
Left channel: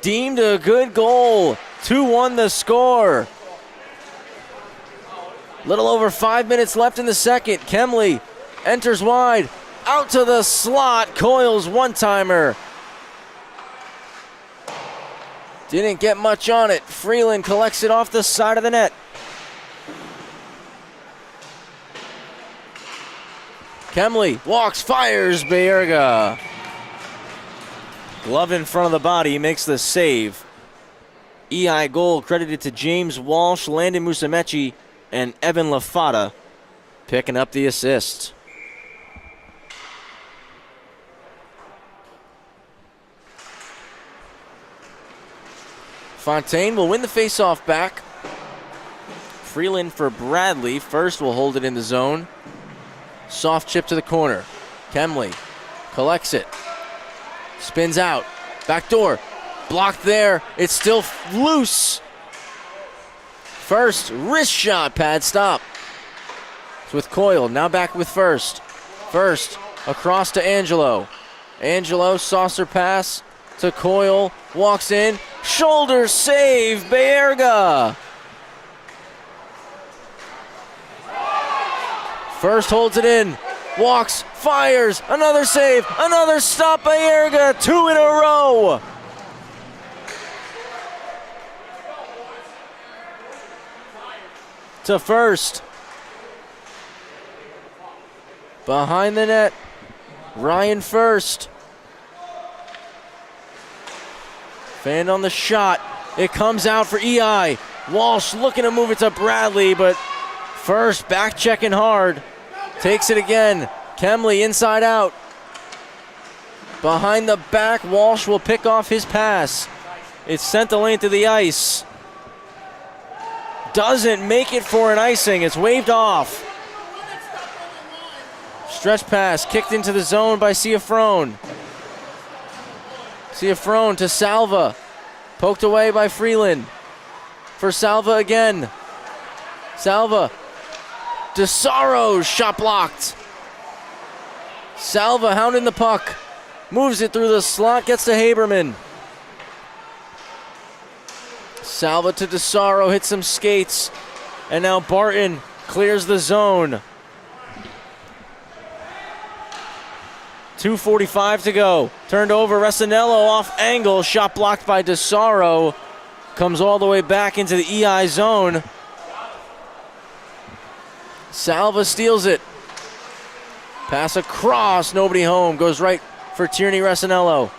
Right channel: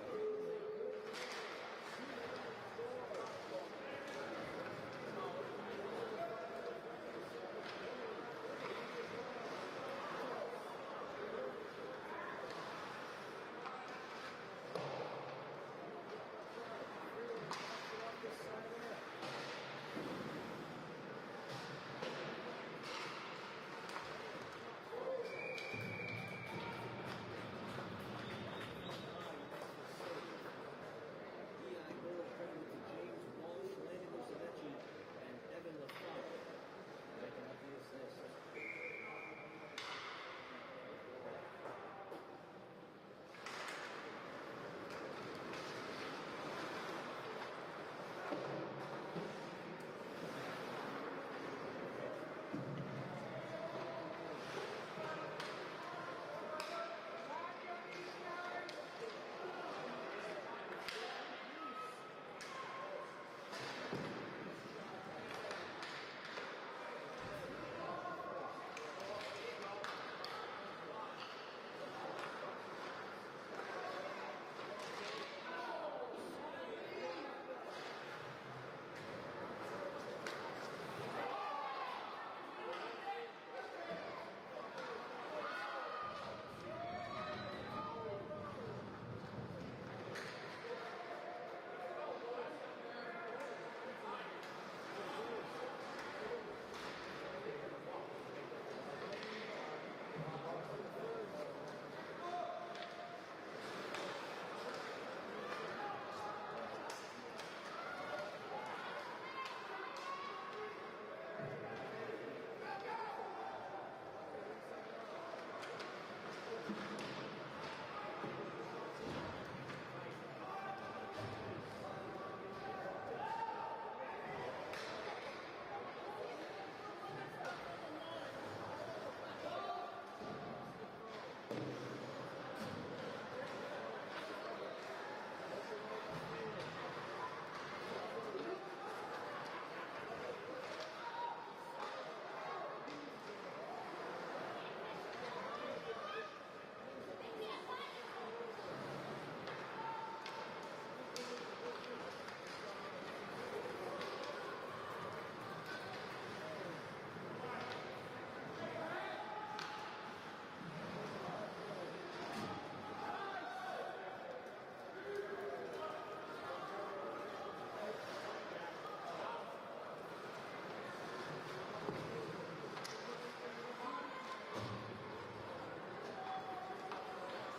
Deemed a good goal. 2-1 the score. Little over 5 minutes left in the second. Kemley enters wide. Out to the slot. Coyle's one-timer. Didn't get much on it. Freeland collects it off the side of the net. Kemley walks, fires, Baerga. Glove in front of the body, makes the save. EI goal credited to James Walsh, Landon Musumeci, and Evan Lafata picking up the assist. Fontaine will win the faceoff back. Freeland for Bradley. First will hold it in the zone. Soft chip to the corner. Kemley collects it. Spins out. Back door. Blocked there. It's still loose. First, wrist shot, pad stop. It's with Coyle. Now back with First. First, across to Angelo. Angelo, saucer pass to Coyle. Walks in. Shoulder save, Baerga. First holds it in. Walks, fires, another save, another stop, Baerga. 2 in a row. To First. Behind the net, Ryan First. Fan on the shot. It comes out for EI. Walsh looking to move it to Bradley, but First back checking hard. Takes it again. Kemley inside out. Behind the back, Walsh will pick off his pass. It's sent the lane to the ice. Doesn't make it for an icing. It's waved off. Stretch pass, kicked into the zone by Ciafrone. Ciafrone to Salva. Poked away by Freeland. For Salva again. Salva. DeSaro, shot blocked. Salva hounding the puck. Moves it through the slot, gets to Haberman. Salva to DeSaro, hits some skates. And now Barton clears the zone. 2:45 to go. Turned over, Resinello off angle, shot blocked by DeSaro. Comes all the way back into the EI zone. Salva steals it. Pass across, nobody home. Goes right for Tierney Resinello.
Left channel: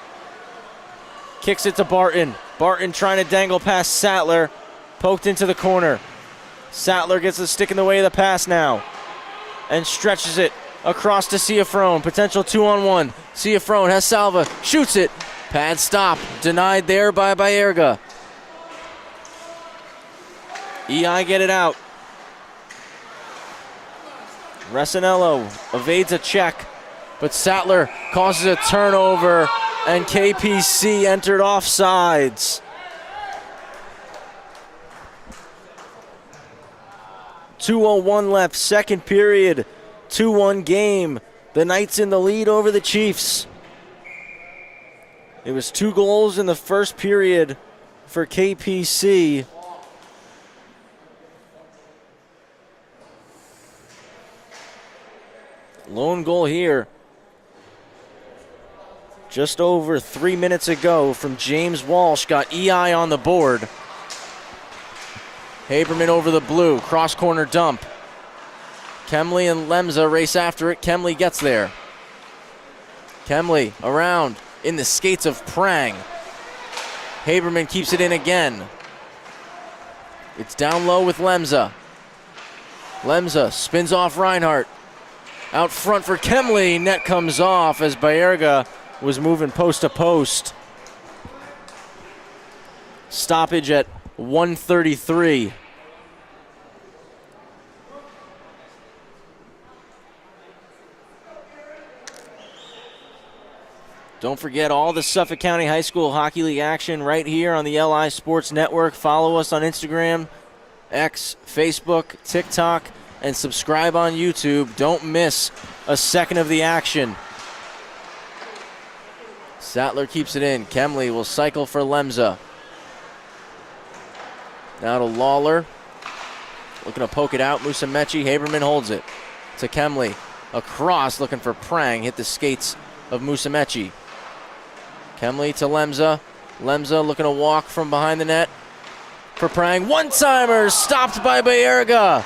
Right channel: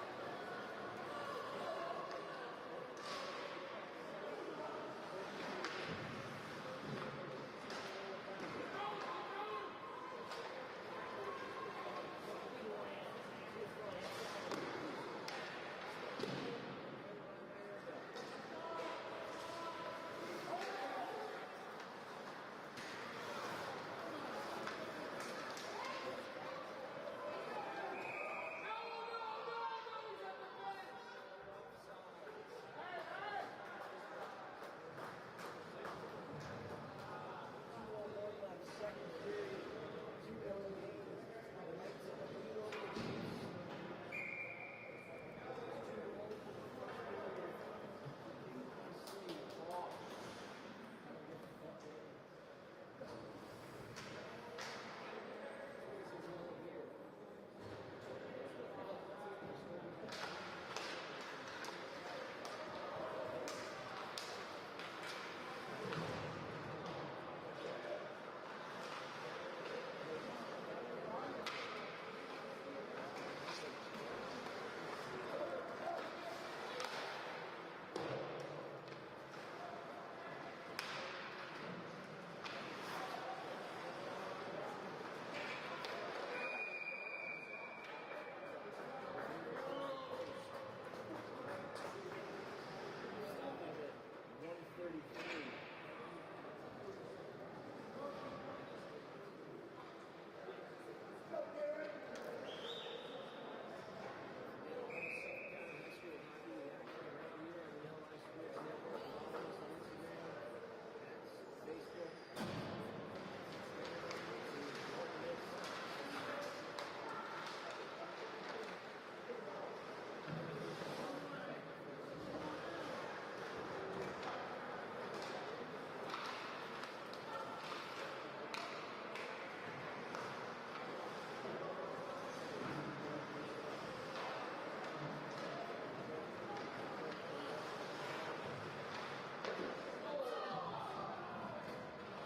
Kicks it to Barton. Barton trying to dangle past Sattler. Poked into the corner. Sattler gets the stick in the way of the pass now. And stretches it across to Ciafrone. Potential 2-on-1. Ciafrone has Salva. Shoots it. Pad stop. Denied there by Baerga. EI get it out. Resinello evades a check, but Sattler causes a turnover, and KPC entered offsides. 2:01 left, second period, 2-1 game. The Knights in the lead over the Chiefs. It was 2 goals in the first period for KPC. Lone goal here just over 3 minutes ago from James Walsh, got EI on the board. Haberman over the blue, cross corner dump. Kemley and Lemza race after it. Kemley gets there. Kemley around in the skates of Prang. Haberman keeps it in again. It's down low with Lemza. Lemza spins off Reinhardt. Out front for Kemley, net comes off as Baerga was moving post to post. Stoppage at 1:33. Don't forget all the Suffolk County High School Hockey League action right here on the LI Sports Network. Follow us on Instagram, X, Facebook, TikTok, and subscribe on YouTube. Don't miss a second of the action. Sattler keeps it in. Kemley will cycle for Lemza. Now to Lawler. Looking to poke it out. Musumeci. Haberman holds it to Kemley. Across, looking for Prang. Hit the skates of Musumeci. Kemley to Lemza. Lemza looking to walk from behind the net for Prang. One-timer stopped by Baerga.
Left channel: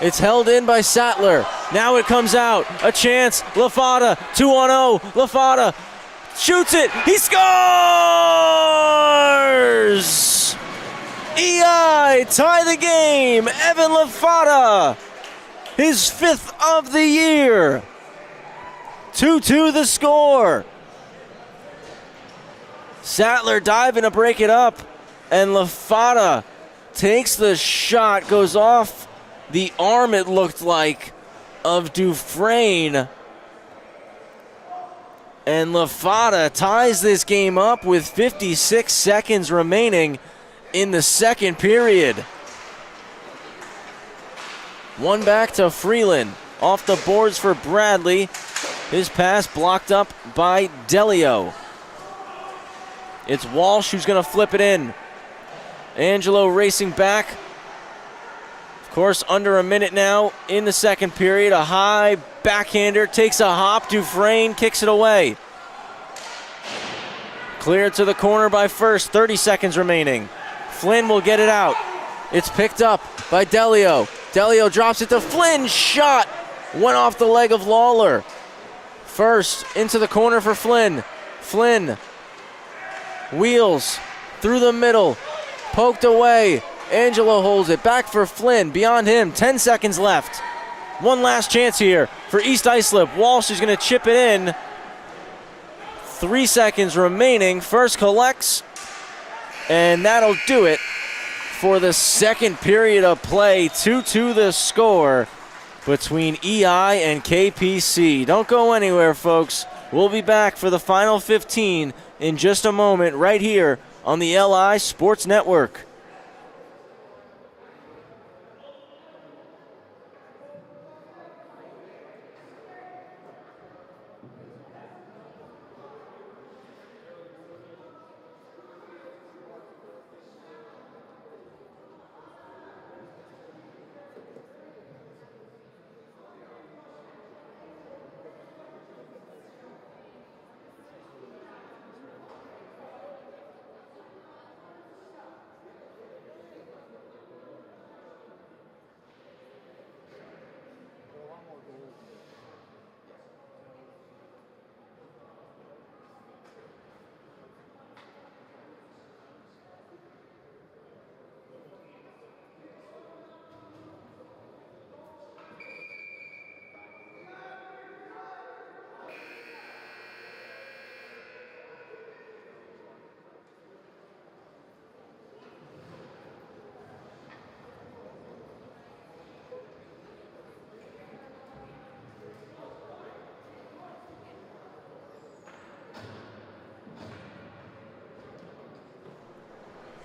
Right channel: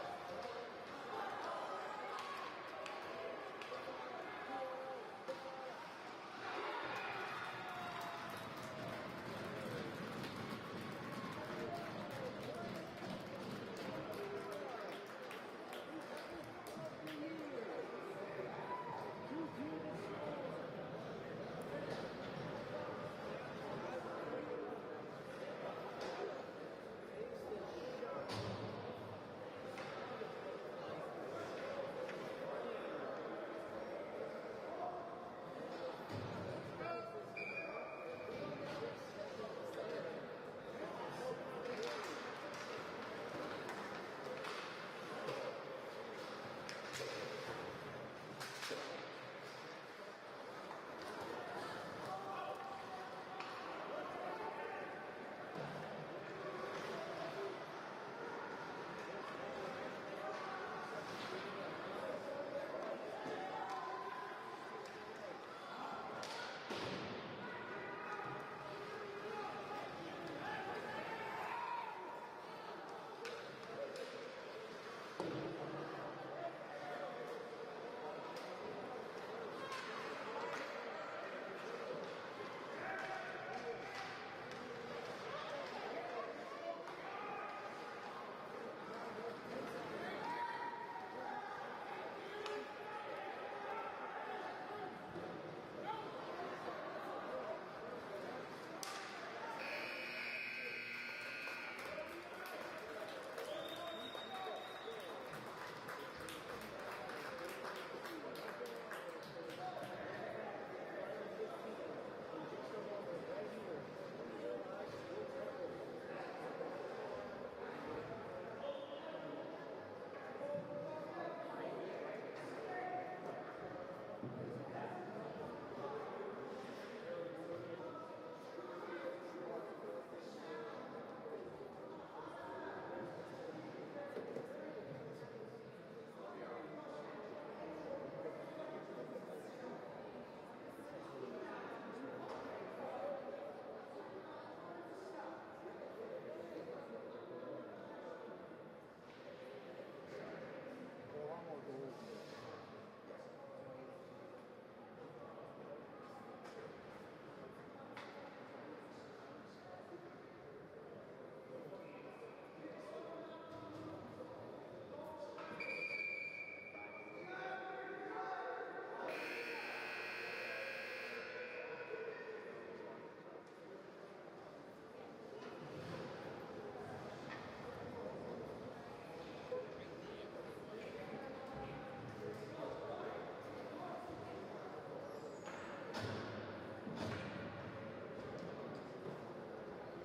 It's held in by Sattler. Now it comes out. A chance. Lafada. 2-on-0. Lafada shoots it. He scores! EI tie the game. Evan Lafada, his 5th of the year. 2-2 the score. Sattler diving to break it up, and Lafada takes the shot, goes off the arm, it looked like, of Dufresne. And Lafada ties this game up with 56 seconds remaining in the second period. One back to Freeland. Off the boards for Bradley. His pass blocked up by Delio. It's Walsh who's going to flip it in. Angelo racing back. Of course, under a minute now in the second period. A high backhander, takes a hop. Dufresne kicks it away. Cleared to the corner by First, 30 seconds remaining. Flynn will get it out. It's picked up by Delio. Delio drops it to Flynn, shot. Went off the leg of Lawler. First into the corner for Flynn. Flynn wheels through the middle, poked away. Angelo holds it back for Flynn. Beyond him, 10 seconds left. One last chance here for East Islip. Walsh is going to chip it in. 3 seconds remaining. First collects, and that'll do it for the second period of play. 2-2 the score. between EI and KPC. Don't go anywhere, folks. We'll be back for the final 15 in just a moment right here on the LI Sports Network.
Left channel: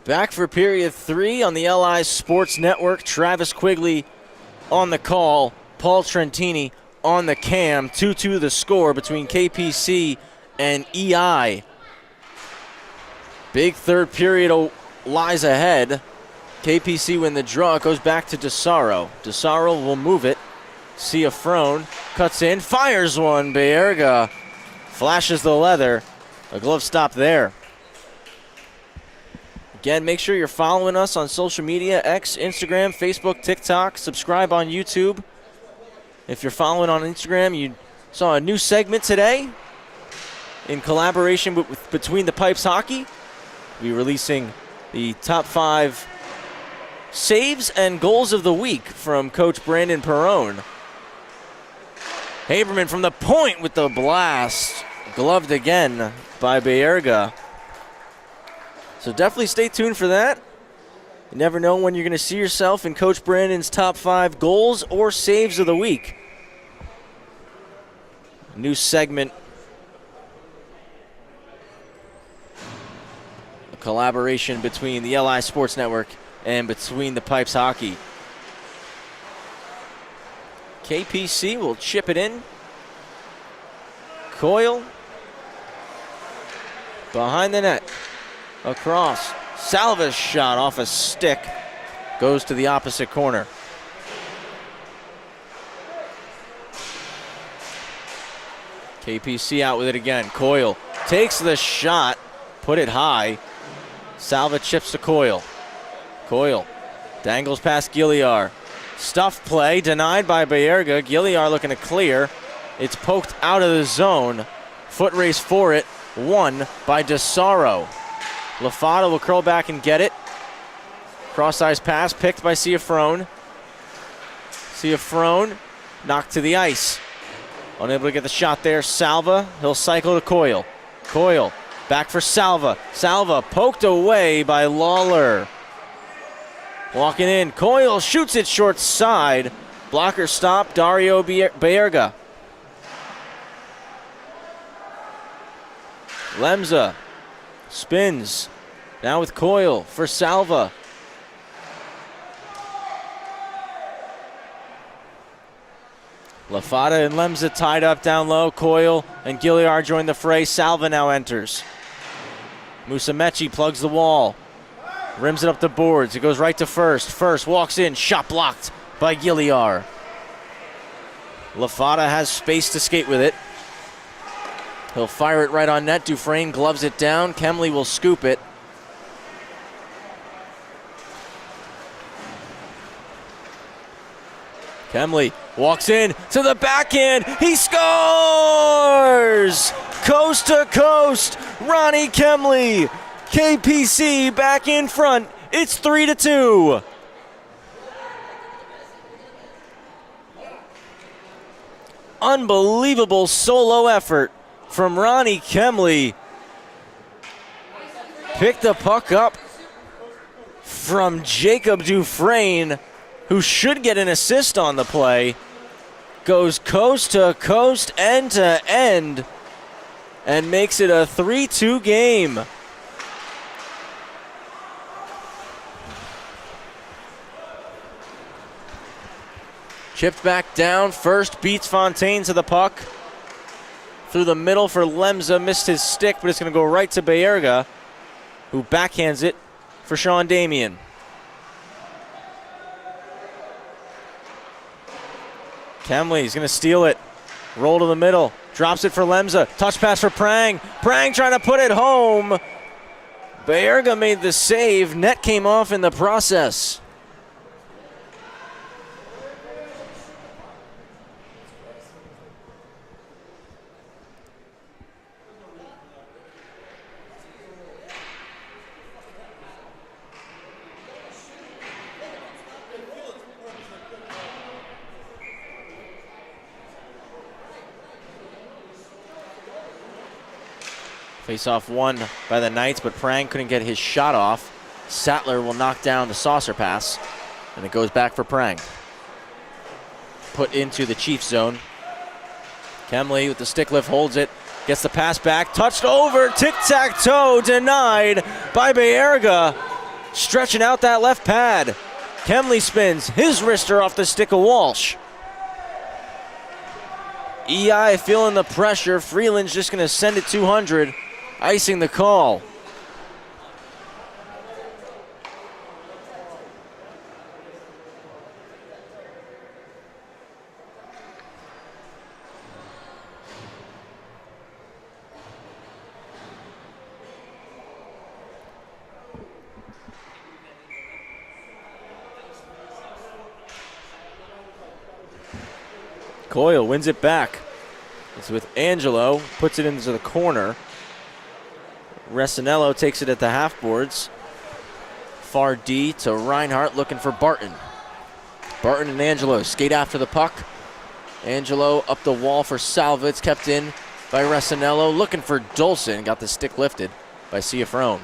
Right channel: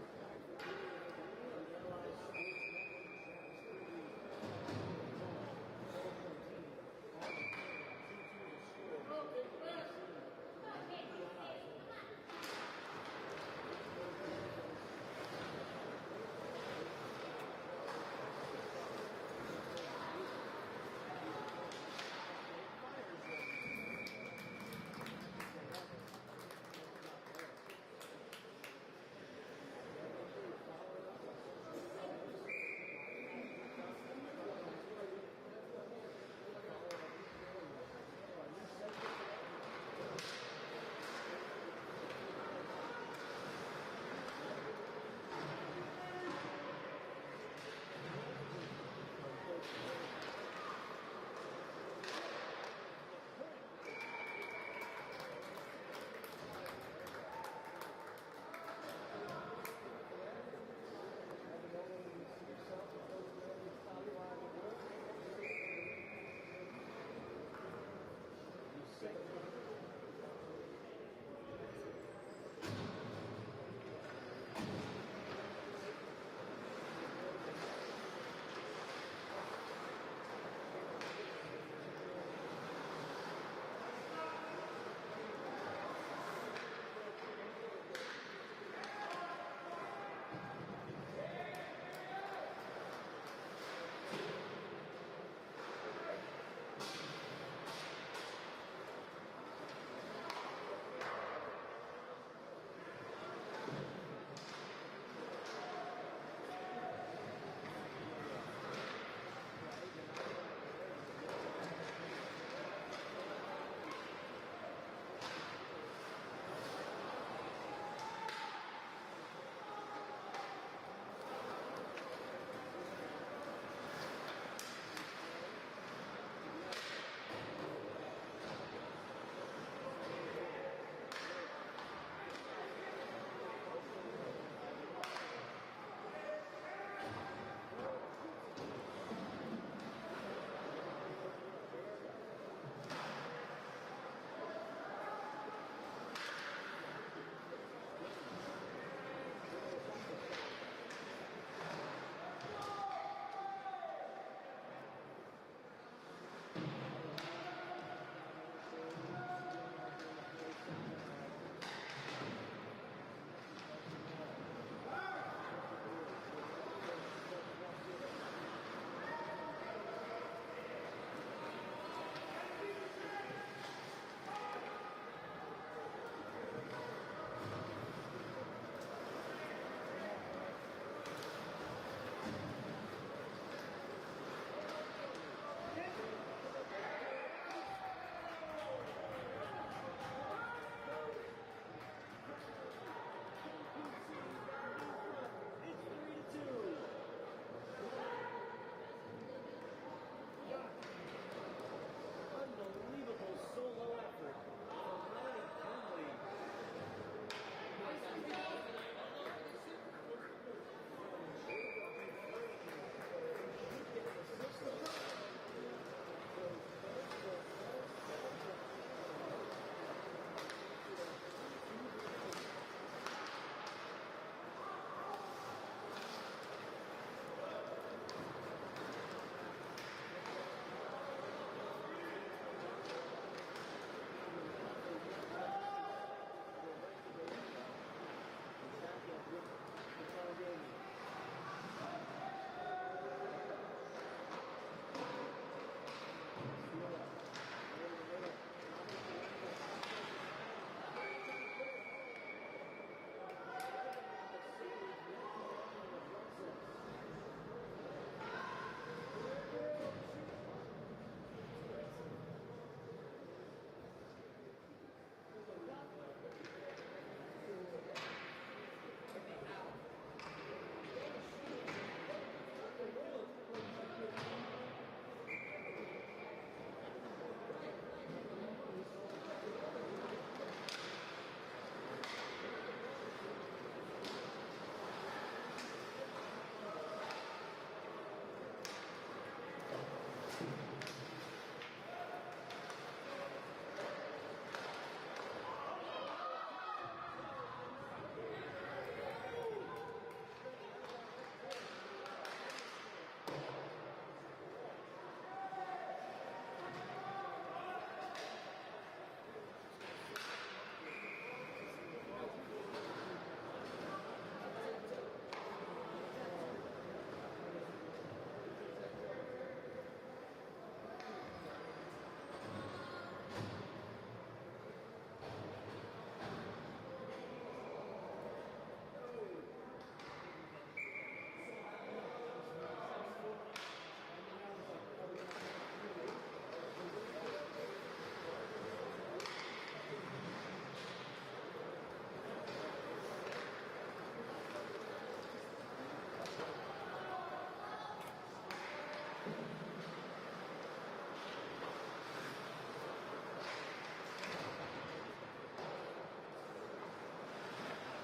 Back for period 3 on the LI Sports Network. Travis Quigley on the call. Paul Trentini on the cam. 2-2 the score between KPC and EI. Big third period lies ahead. KPC win the draw. It goes back to DeSaro. DeSaro will move it. Ciafrone cuts in, fires one. Bayerga flashes the leather. A glove stop there. Again, make sure you're following us on social media, X, Instagram, Facebook, TikTok. Subscribe on YouTube. If you're following on Instagram, you saw a new segment today in collaboration with Between the Pipes Hockey. We're releasing the top 5 saves and goals of the week from Coach Brandon Perrone. Haberman from the point with the blast. Gloved again by Bayerga. So definitely stay tuned for that. You never know when you're going to see yourself in Coach Brandon's top 5 goals or saves of the week. New segment. A collaboration between the LI Sports Network and Between the Pipes Hockey. KPC will chip it in. Coyle. Behind the net. Across. Salva's shot off a stick. Goes to the opposite corner. KPC out with it again. Coyle takes the shot. Put it high. Salva chips to Coyle. Coyle dangles past Gilliar. Stuff play denied by Bayerga. Gilliar looking to clear. It's poked out of the zone. Foot race for it. Won by DeSaro. Lafada will curl back and get it. Cross-ice pass picked by Ciafrone. Ciafrone knocked to the ice. Unable to get the shot there. Salva, he'll cycle to Coyle. Coyle back for Salva. Salva poked away by Lawler. Walking in, Coyle shoots it short side. Blocker stop, Dario Bayerga. Lemza spins. Now with Coyle for Salva. Lafada and Lemza tied up down low. Coyle and Gilliar join the fray. Salva now enters. Musumeci plugs the wall. Rims it up the boards. It goes right to first. First walks in. Shot blocked by Gilliar. Lafada has space to skate with it. He'll fire it right on net. Dufresne gloves it down. Kemley will scoop it. Kemley walks in to the backhand. He scores! Coast to coast. Ronnie Kemley. KPC back in front. It's 3-2. Unbelievable solo effort from Ronnie Kemley. Picked the puck up from Jacob Dufresne, who should get an assist on the play. goes coast to coast, end to end, and makes it a 3-2 game. Chipped back down, first beats Fontaine to the puck. Through the middle for Lemza, missed his stick, but it's going to go right to Bayerga, who backhands it for Sean Damian. Kemley's going to steal it. Roll to the middle. Drops it for Lemza. Touch pass for Prang. Prang trying to put it home. Bayerga made the save. Net came off in the process. Face-off won by the Knights, but Prang couldn't get his shot off. Sattler will knock down the saucer pass, and it goes back for Prang. Put into the Chiefs zone. Kemley with the stick lift holds it, gets the pass back, touched over, tic-tac-toe, denied by Bayerga. Stretching out that left pad. Kemley spins, his wrister off the stick of Walsh. EI feeling the pressure. Freeland's just going to send it 200, icing the call. Coyle wins it back. It's with Angelo, puts it into the corner. Resinello takes it at the half boards. Far D to Reinhardt looking for Barton. Barton and Angelo skate after the puck. Angelo up the wall for Salva. It's kept in by Resinello. Looking for Dolson. Got the stick lifted by Ciafrone.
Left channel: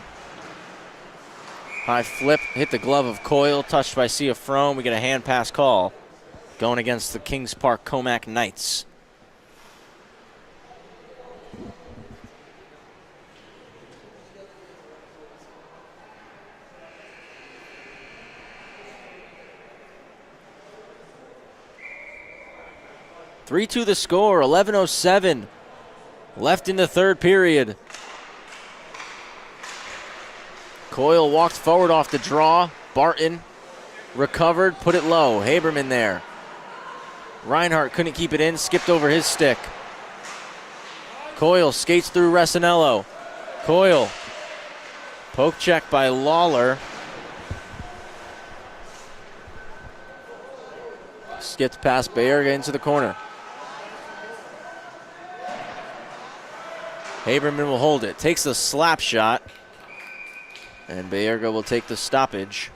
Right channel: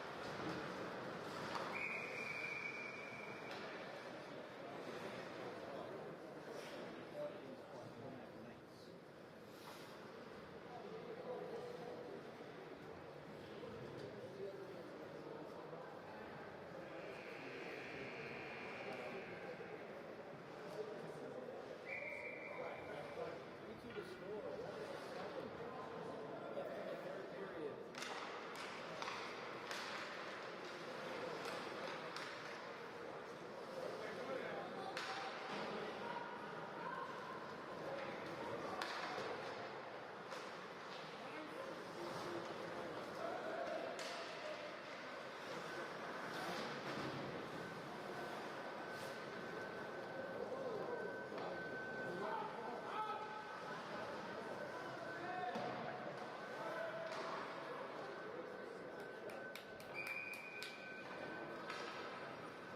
High flip, hit the glove of Coyle, touched by Ciafrone. We get a hand pass call going against the Kings Park Commack Knights. (3-2) the score, 11:07 left in the third period. Coyle walked forward off the draw. Barton recovered, put it low. Haberman there. Reinhardt couldn't keep it in, skipped over his stick. Coyle skates through Resinello. Coyle, poke check by Lawler. Skipped past Bayerga into the corner. Haberman will hold it, takes the slap shot, and Bayerga will take the stoppage.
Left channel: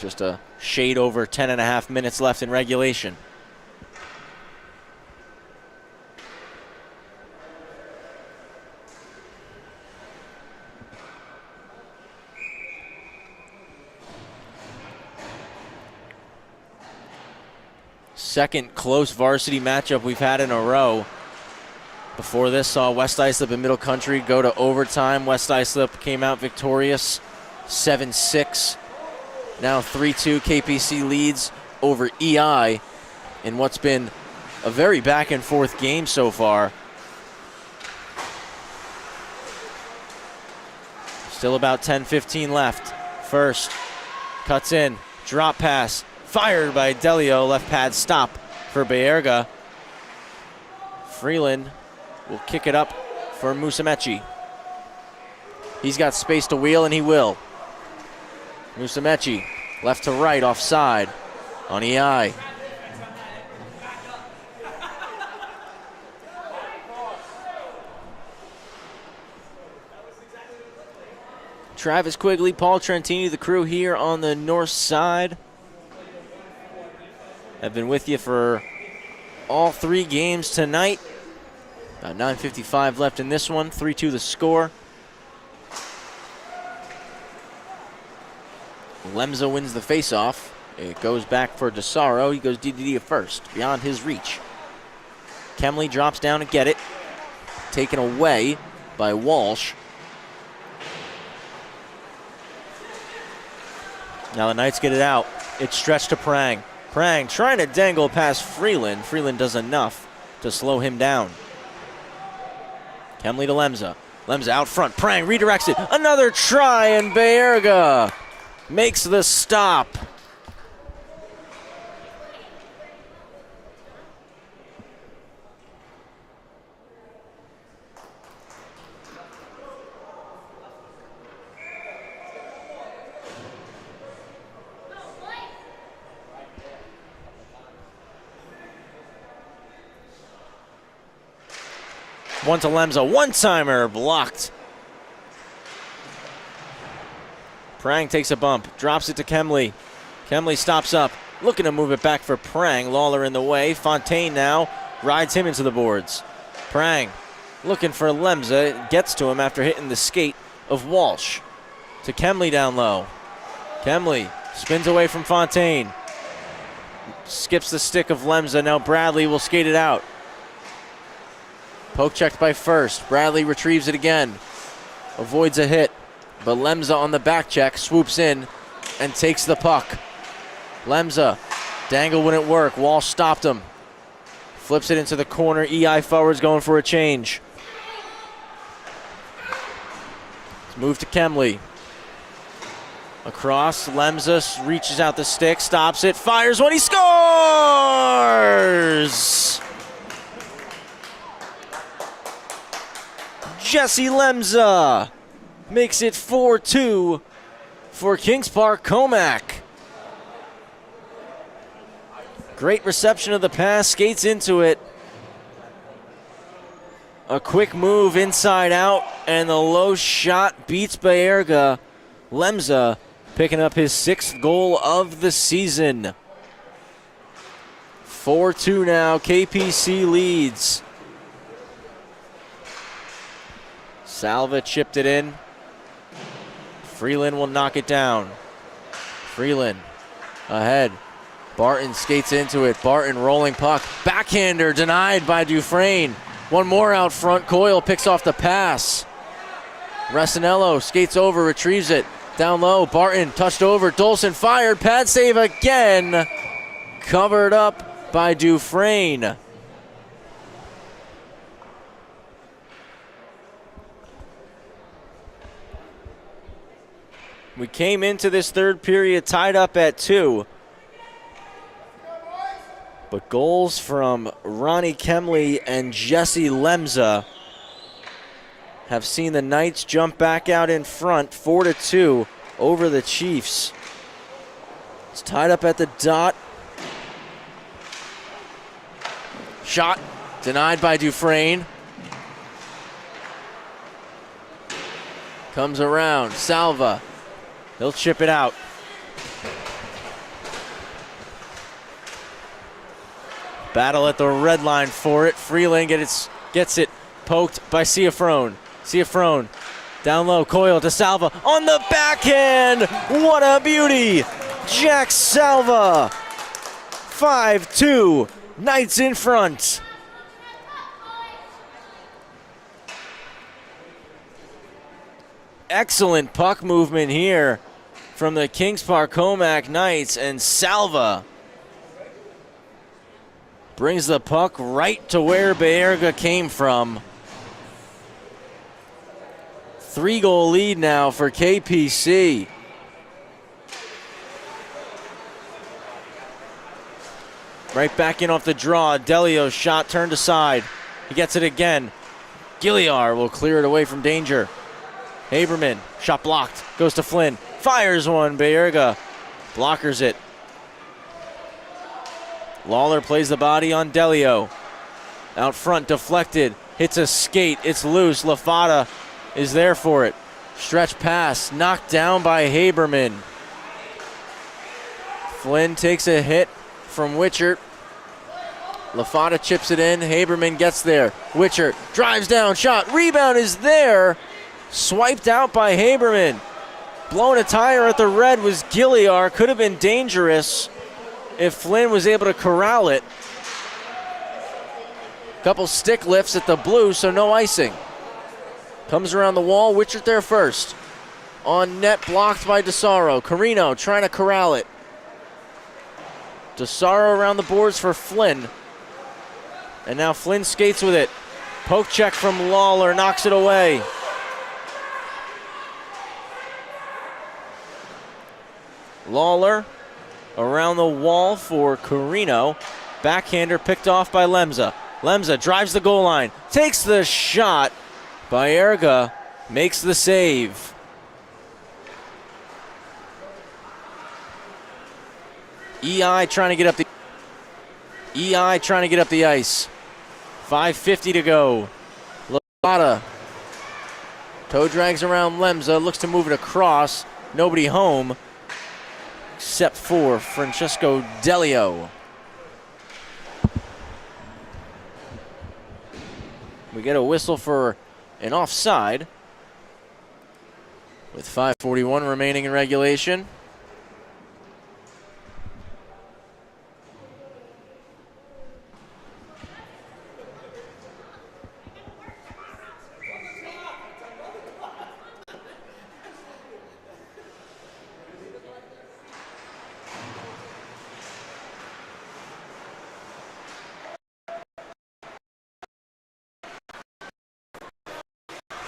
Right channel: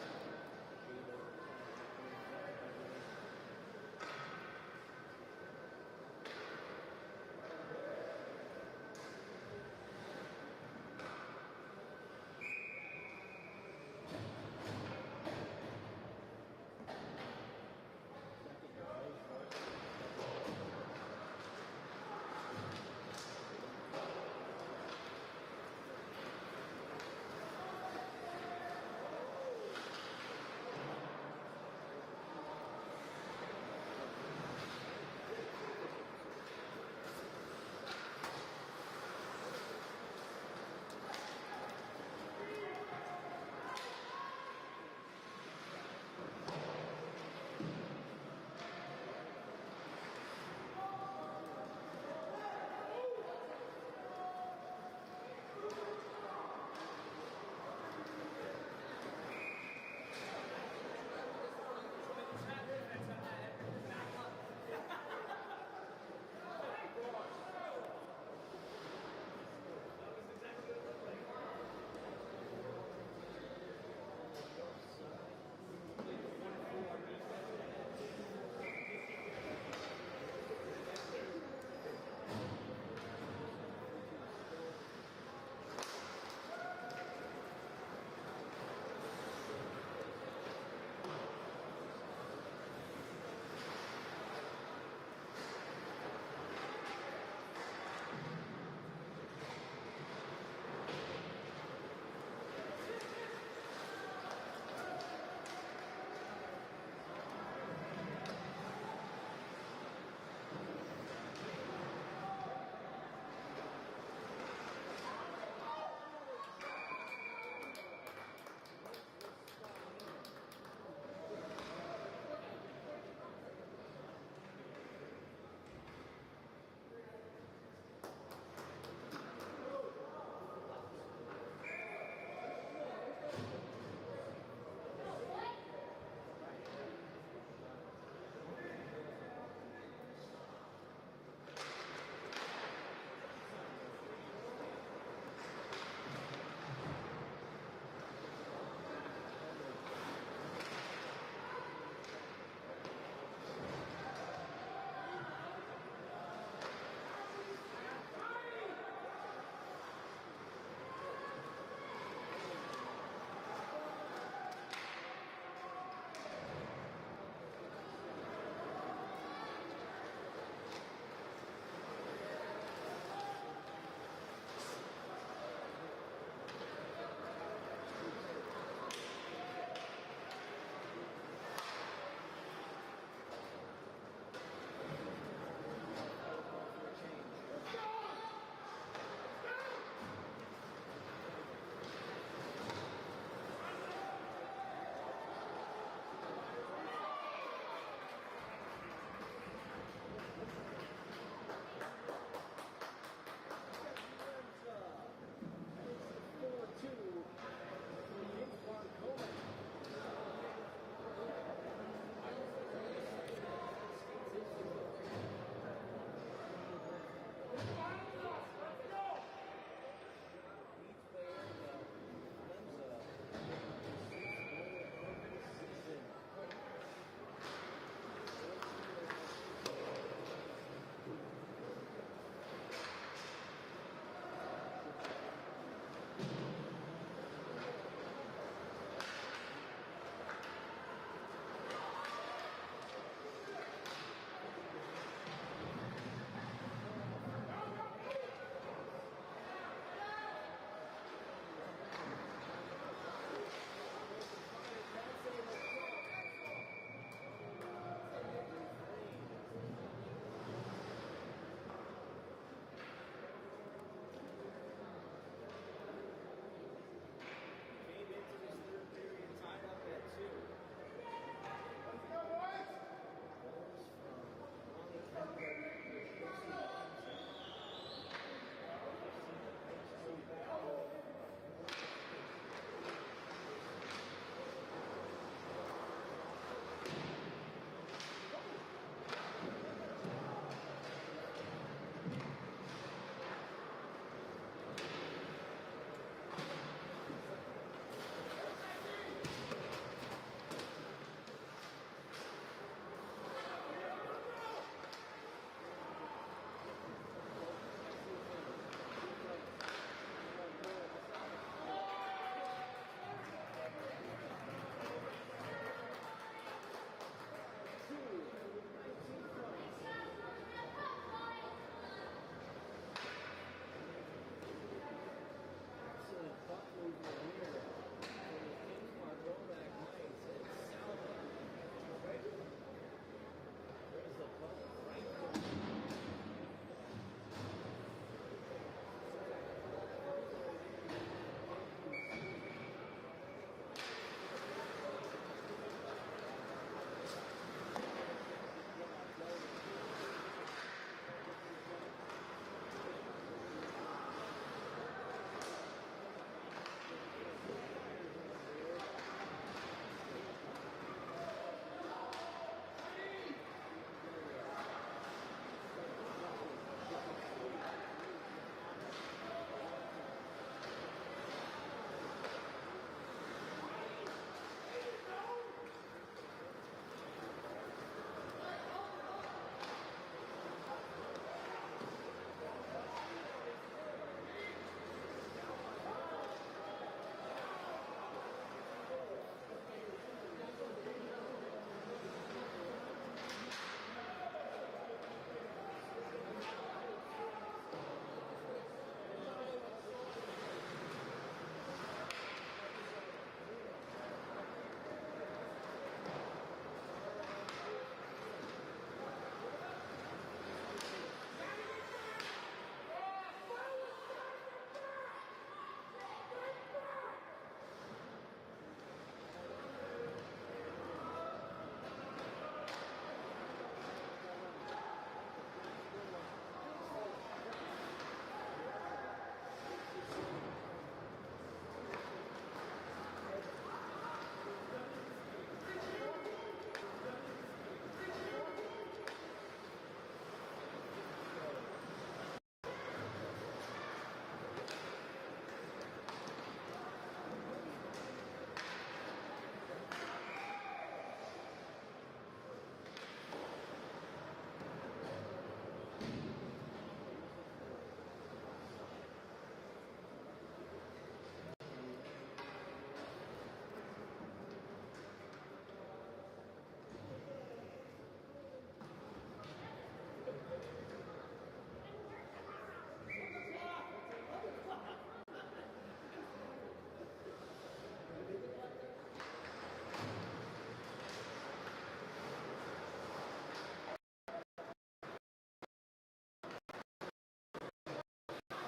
Just a shade over 10.5 minutes left in regulation. Second close varsity matchup we've had in a row. Before this saw West Islip and Middle Country go to overtime. West Islip came out victorious, 7-6. Now 3-2, KPC leads over EI in what's been a very back and forth game so far. Still about 10-15 left. First, cuts in, drop pass, fired by Delio, left pad stop for Bayerga. Freeland will kick it up for Musamechi. He's got space to wheel, and he will. Musamechi, left to right, offside on EI. Travis Quigley, Paul Trentini, the crew here on the north side. I've been with you for all three games tonight. About 9:55 left in this one, 3-2 the score. Lemza wins the faceoff. It goes back for DeSaro. He goes DDD at first, beyond his reach. Kemley drops down to get it. Taken away by Walsh. Now the Knights get it out. It's stretched to Prang. Prang trying to dangle past Freeland. Freeland does enough to slow him down. Kemley to Lemza. Lemza out front. Prang redirects it. Another try, and Bayerga makes the stop. One to Lemza, one-timer blocked. Prang takes a bump, drops it to Kemley. Kemley stops up, looking to move it back for Prang. Lawler in the way. Fontaine now rides him into the boards. Prang looking for Lemza, gets to him after hitting the skate of Walsh. To Kemley down low. Kemley spins away from Fontaine. Skips the stick of Lemza. Now Bradley will skate it out. Poke checked by First. Bradley retrieves it again. Avoids a hit. But Lemza on the back check swoops in and takes the puck. Lemza. Dangle wouldn't work. Walsh stopped him. Flips it into the corner. EI forwards going for a change. Let's move to Kemley. Across. Lemza reaches out the stick. Stops it. Fires one. He scores! Jesse Lemza makes it 4-2 for Kings Park Commack. Great reception of the pass, skates into it. A quick move inside out, and the low shot beats Bayerga. Lemza picking up his 6th goal of the season. 4-2 now, KPC leads. Salva chipped it in. Freeland will knock it down. Freeland ahead. Barton skates into it. Barton rolling puck. Backhander denied by Dufresne. One more out front. Coyle picks off the pass. Resinello skates over, retrieves it. Down low. Barton touched over. Dolson fired. Pad save again. Covered up by Dufresne. We came into this third period tied up at 2. But goals from Ronnie Kemley and Jesse Lemza have seen the Knights jump back out in front 4-2 over the Chiefs. It's tied up at the dot. Shot denied by Dufresne. Comes around. Salva. He'll chip it out. Battle at the red line for it. Freeland gets it poked by Ciafrone. Ciafrone down low. Coyle to Salva on the backhand. What a beauty. Jack Salva. 5-2. Knights in front. Excellent puck movement here from the Kings Park Commack Knights, and Salva brings the puck right to where Bayerga came from. 3-goal lead now for KPC. Right back in off the draw. Delio's shot turned aside. He gets it again. Gilliar will clear it away from danger. Haberman, shot blocked, goes to Flynn, fires one. Bayerga blockers it. Lawler plays the body on Delio. Out front, deflected, hits a skate, it's loose. Lafata is there for it. Stretch pass, knocked down by Haberman. Flynn takes a hit from Witchert. Lafata chips it in, Haberman gets there. Witchert drives down, shot, rebound is there. Swiped out by Haberman. Blowing a tire at the red was Gilliar. Could have been dangerous if Flynn was able to corral it. Couple stick lifts at the blue, so no icing. Comes around the wall, Witchert there first. On net, blocked by DeSaro. Carino trying to corral it. DeSaro around the boards for Flynn. And now Flynn skates with it. Poke check from Lawler, knocks it away. Lawler around the wall for Carino. Backhander picked off by Lemza. Lemza drives the goal line, takes the shot. Baerga makes the save. EI trying to get up the ice. 5:50 to go. Lotta. Toe drags around Lemza, looks to move it across. Nobody home except for Francesco Delio. We get a whistle for an offside with 5:41 remaining in regulation.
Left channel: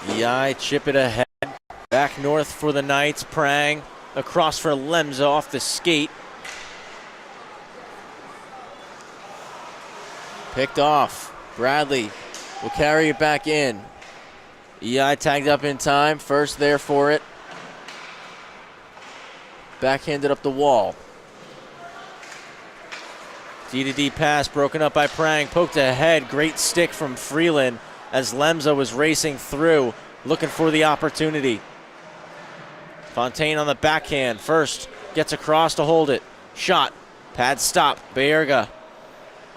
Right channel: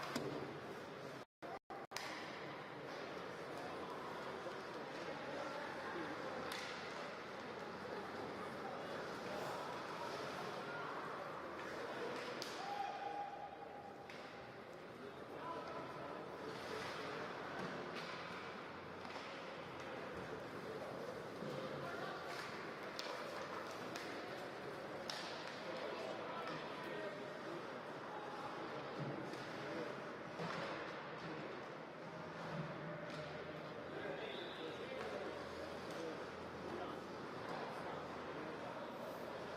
EI chip it ahead. Back north for the Knights. Prang across for Lemza off the skate. Picked off. Bradley will carry it back in. EI tagged up in time. First there for it. Backhanded up the wall. D-to-D pass broken up by Prang. Poked ahead. Great stick from Freeland as Lemza was racing through, looking for the opportunity. Fontaine on the backhand. First gets across to hold it. Shot. Pad stop. Baerga.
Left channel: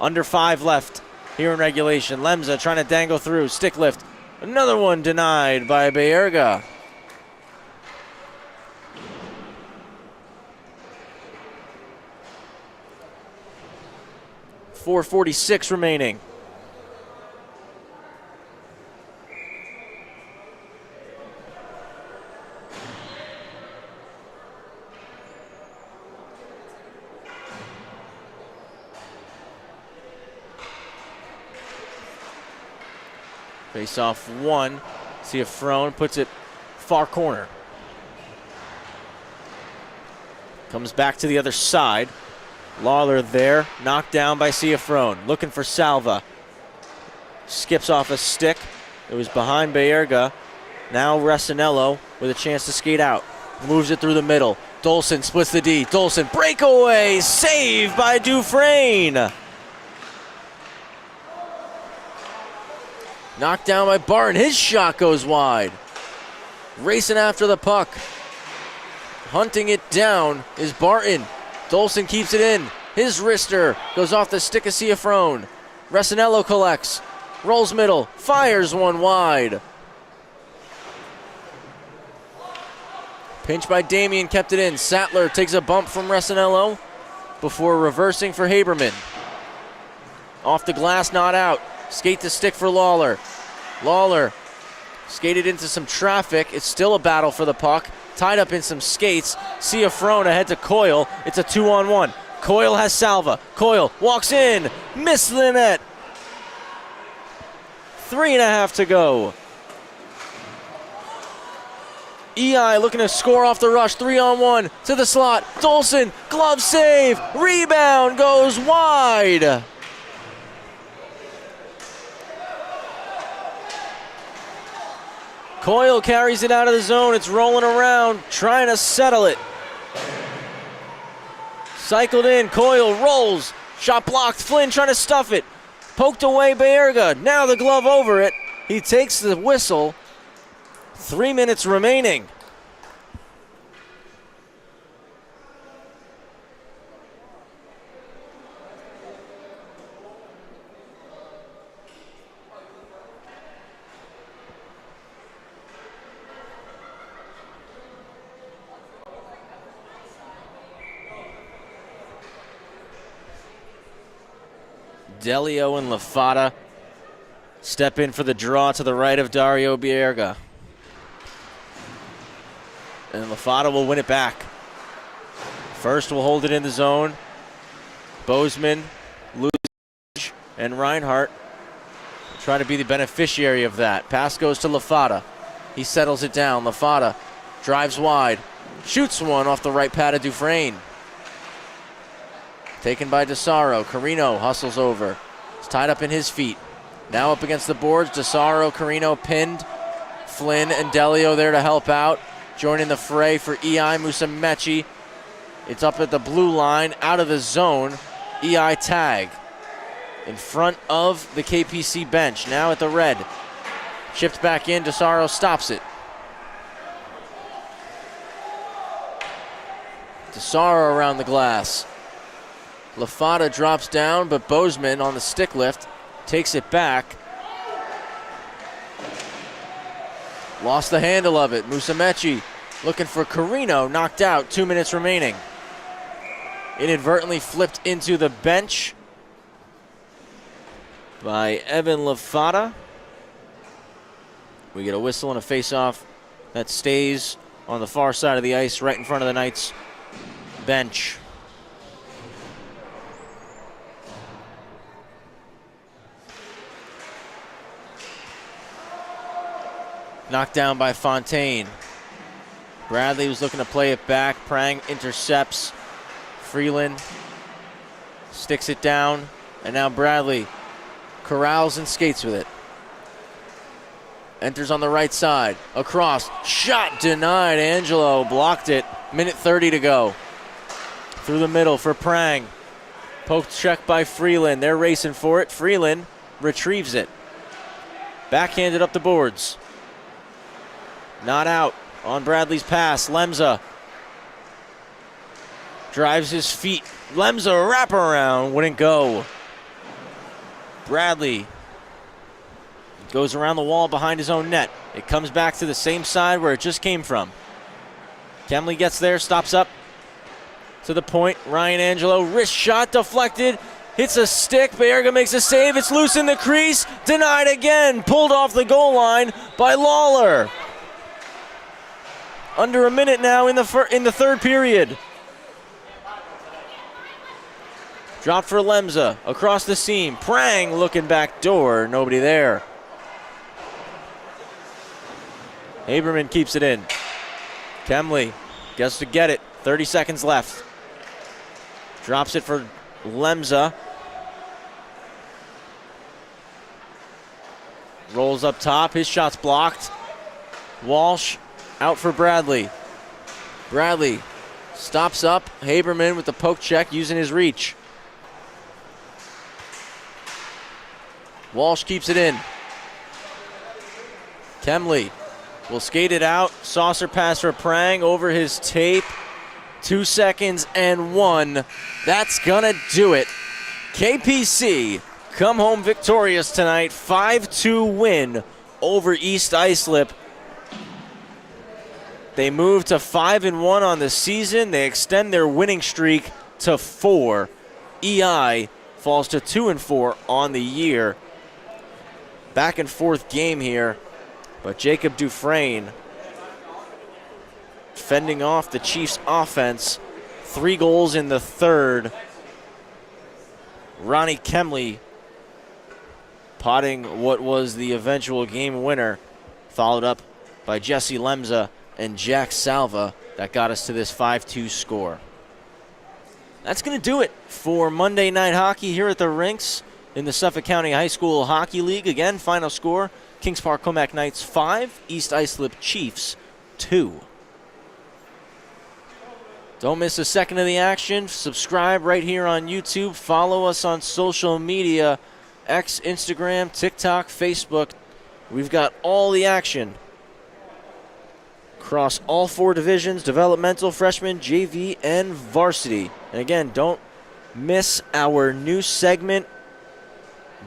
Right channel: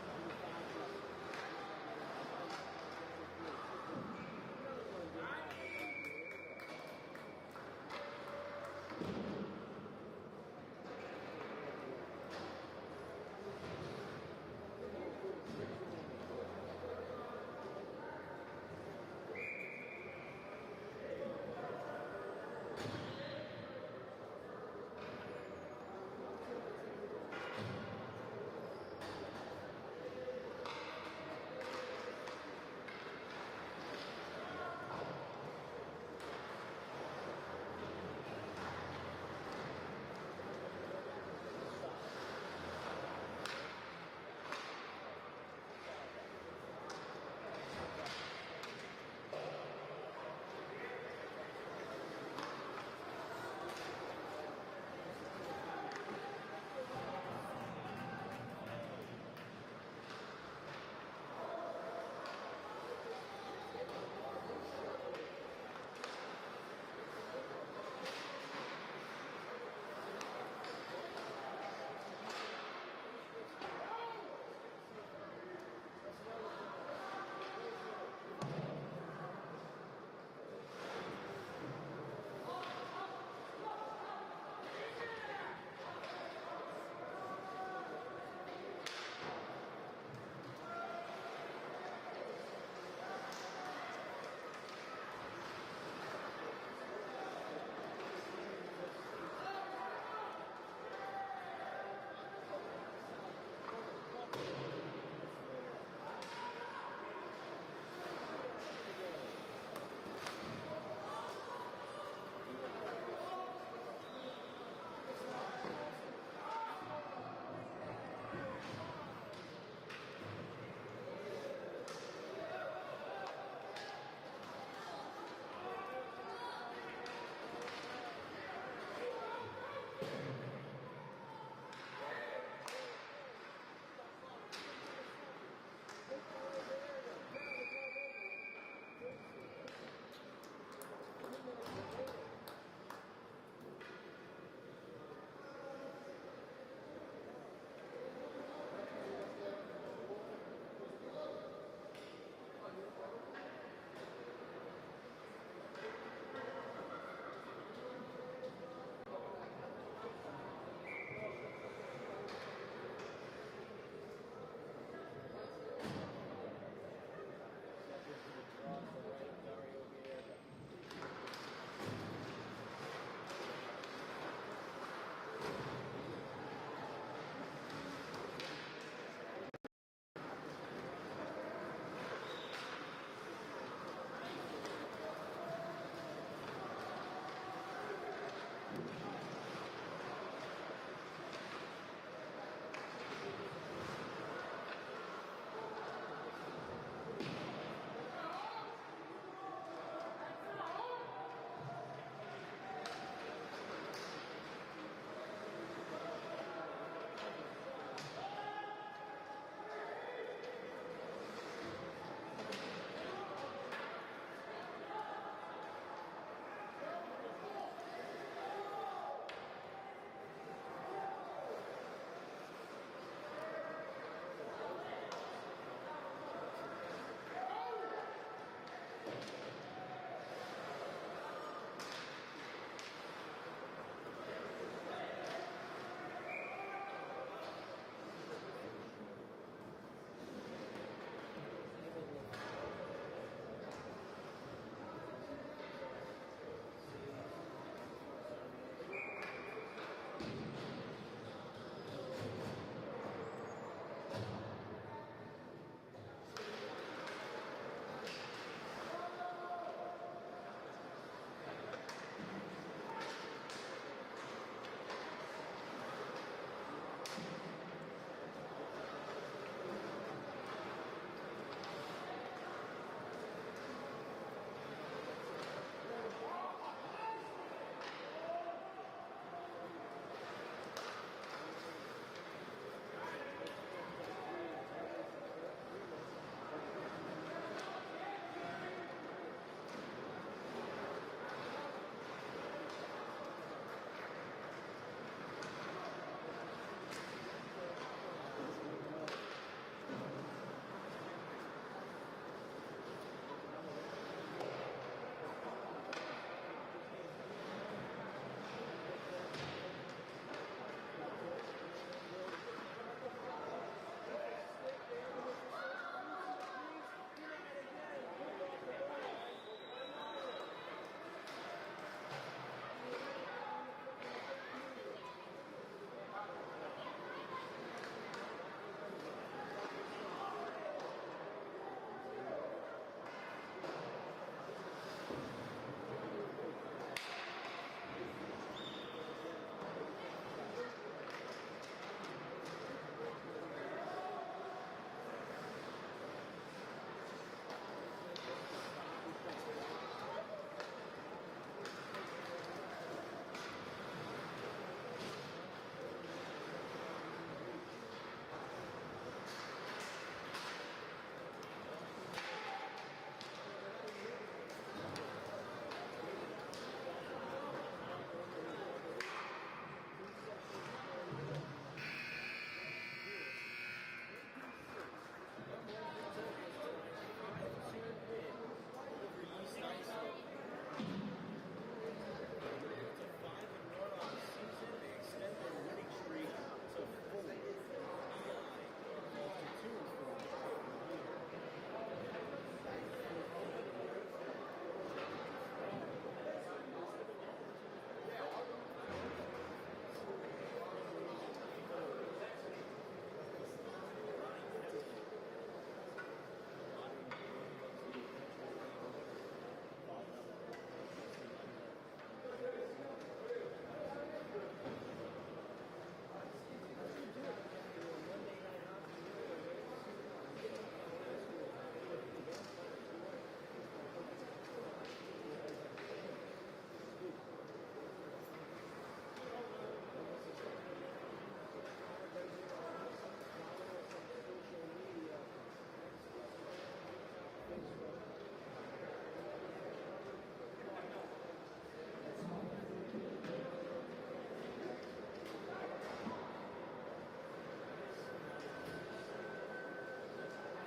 Under 5 left here in regulation. Lemza trying to dangle through. Stick lift. Another one denied by Baerga. .446 remaining. Face off one. See if Frone puts it far corner. Comes back to the other side. Lawler there, knocked down by Ciafrone. Looking for Salva. Skips off a stick. It was behind Baerga. Now Resinello with a chance to skate out. Moves it through the middle. Dolson splits the D. Dolson breakaway. Save by Dufresne. Knocked down by Barton. His shot goes wide. Racing after the puck. Hunting it down is Barton. Dolson keeps it in. His wrister goes off the stick of Ciafrone. Resinello collects. Rolls middle. Fires one wide. Pinch by Damien, kept it in. Sattler takes a bump from Resinello before reversing for Haberman. Off the glass, not out. Skate to stick for Lawler. Lawler skated into some traffic. It's still a battle for the puck. Tied up in some skates. Ciafrone ahead to Coyle. It's a 2-on-1. Coyle has Salva. Coyle walks in. Missed the net. 3.5 to go. EI looking to score off the rush. 3-on-1 to the slot. Dolson, glove save. Rebound goes wide. Coyle carries it out of the zone. It's rolling around, trying to settle it. Cycled in, Coyle rolls. Shot blocked, Flynn trying to stuff it. Poked away Baerga, now the glove over it. He takes the whistle. 3 minutes remaining. Delio and Lafata step in for the draw to the right of Dario Bierga. And Lafata will win it back. First will hold it in the zone. Bozeman, Lucic, and Reinhardt try to be the beneficiary of that. Pass goes to Lafata. He settles it down. Lafata drives wide. Shoots one off the right pad of Dufresne. Taken by DeSaro. Carino hustles over. It's tied up in his feet. Now up against the boards. DeSaro, Carino pinned. Flynn and Delio there to help out. Joining the fray for EI, Musumeci. It's up at the blue line, out of the zone. EI tag. In front of the KPC bench. Now at the red. Chipped back in. DeSaro stops it. DeSaro around the glass. Lafata drops down, but Bozeman on the stick lift takes it back. Lost the handle of it. Musumeci looking for Carino, knocked out, 2 minutes remaining. Inadvertently flipped into the bench by Evan Lafata. We get a whistle and a face-off that stays on the far side of the ice, right in front of the Knights bench. Knocked down by Fontaine. Bradley was looking to play it back. Prang intercepts. Freeland sticks it down. And now Bradley corrals and skates with it. Enters on the right side. Across. Shot denied. Angelo blocked it. Minute 30 to go. Through the middle for Prang. Poked check by Freeland. They're racing for it. Freeland retrieves it. Backhanded up the boards. Not out on Bradley's pass. Lemza drives his feet. Lemza wraparound, wouldn't go. Bradley goes around the wall behind his own net. It comes back to the same side where it just came from. Kemley gets there, stops up to the point. Ryan Angelo, wrist shot deflected. Hits a stick. Bierga makes a save. It's loose in the crease. Denied again. Pulled off the goal line by Lawler. Under a minute now in the third period. Drop for Lemza across the seam. Prang looking back door. Nobody there. Haberman keeps it in. Kemley gets to get it. 30 seconds left. Drops it for Lemza. Rolls up top. His shot's blocked. Walsh out for Bradley. Bradley stops up. Haberman with the poke check using his reach. Walsh keeps it in. Kemley will skate it out. Saucer pass for Prang over his tape. 2 seconds and 1. That's gonna do it. KPC come home victorious tonight. 5-2 win over East Islip. They move to 5-1 on the season. They extend their winning streak to 4. EI falls to 2-4 on the year. Back and forth game here, but Jacob Dufresne fending off the Chiefs' offense. 3 goals in the third. Ronnie Kemley potting what was the eventual game winner, followed up by Jesse Lemza and Jack Salva. That got us to this 5-2 score. That's going to do it for Monday Night Hockey here at the rinks in the Suffolk County High School Hockey League. Again, final score, Kings Park Commack Knights 5, East Islip Chiefs 2. Don't miss a second of the action. Subscribe right here on YouTube. Follow us on social media, X, Instagram, TikTok, Facebook. We've got all the action across all 4 divisions, developmental, freshman, JV, and varsity. And again, don't miss our new segment,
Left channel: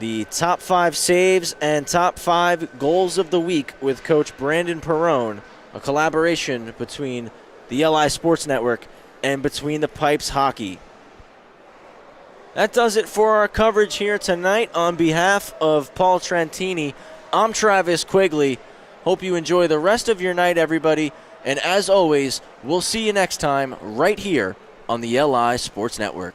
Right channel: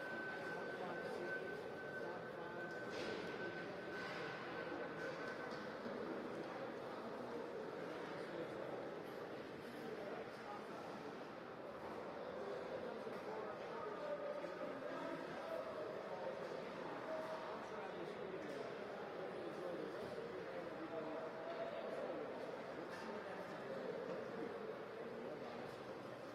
the top 5 saves and top 5 goals of the week with Coach Brandon Perrone, a collaboration between the LI Sports Network and Between the Pipes Hockey. That does it for our coverage here tonight. On behalf of Paul Trentini, I'm Travis Quigley. Hope you enjoy the rest of your night, everybody. And as always, we'll see you next time right here on the LI Sports Network.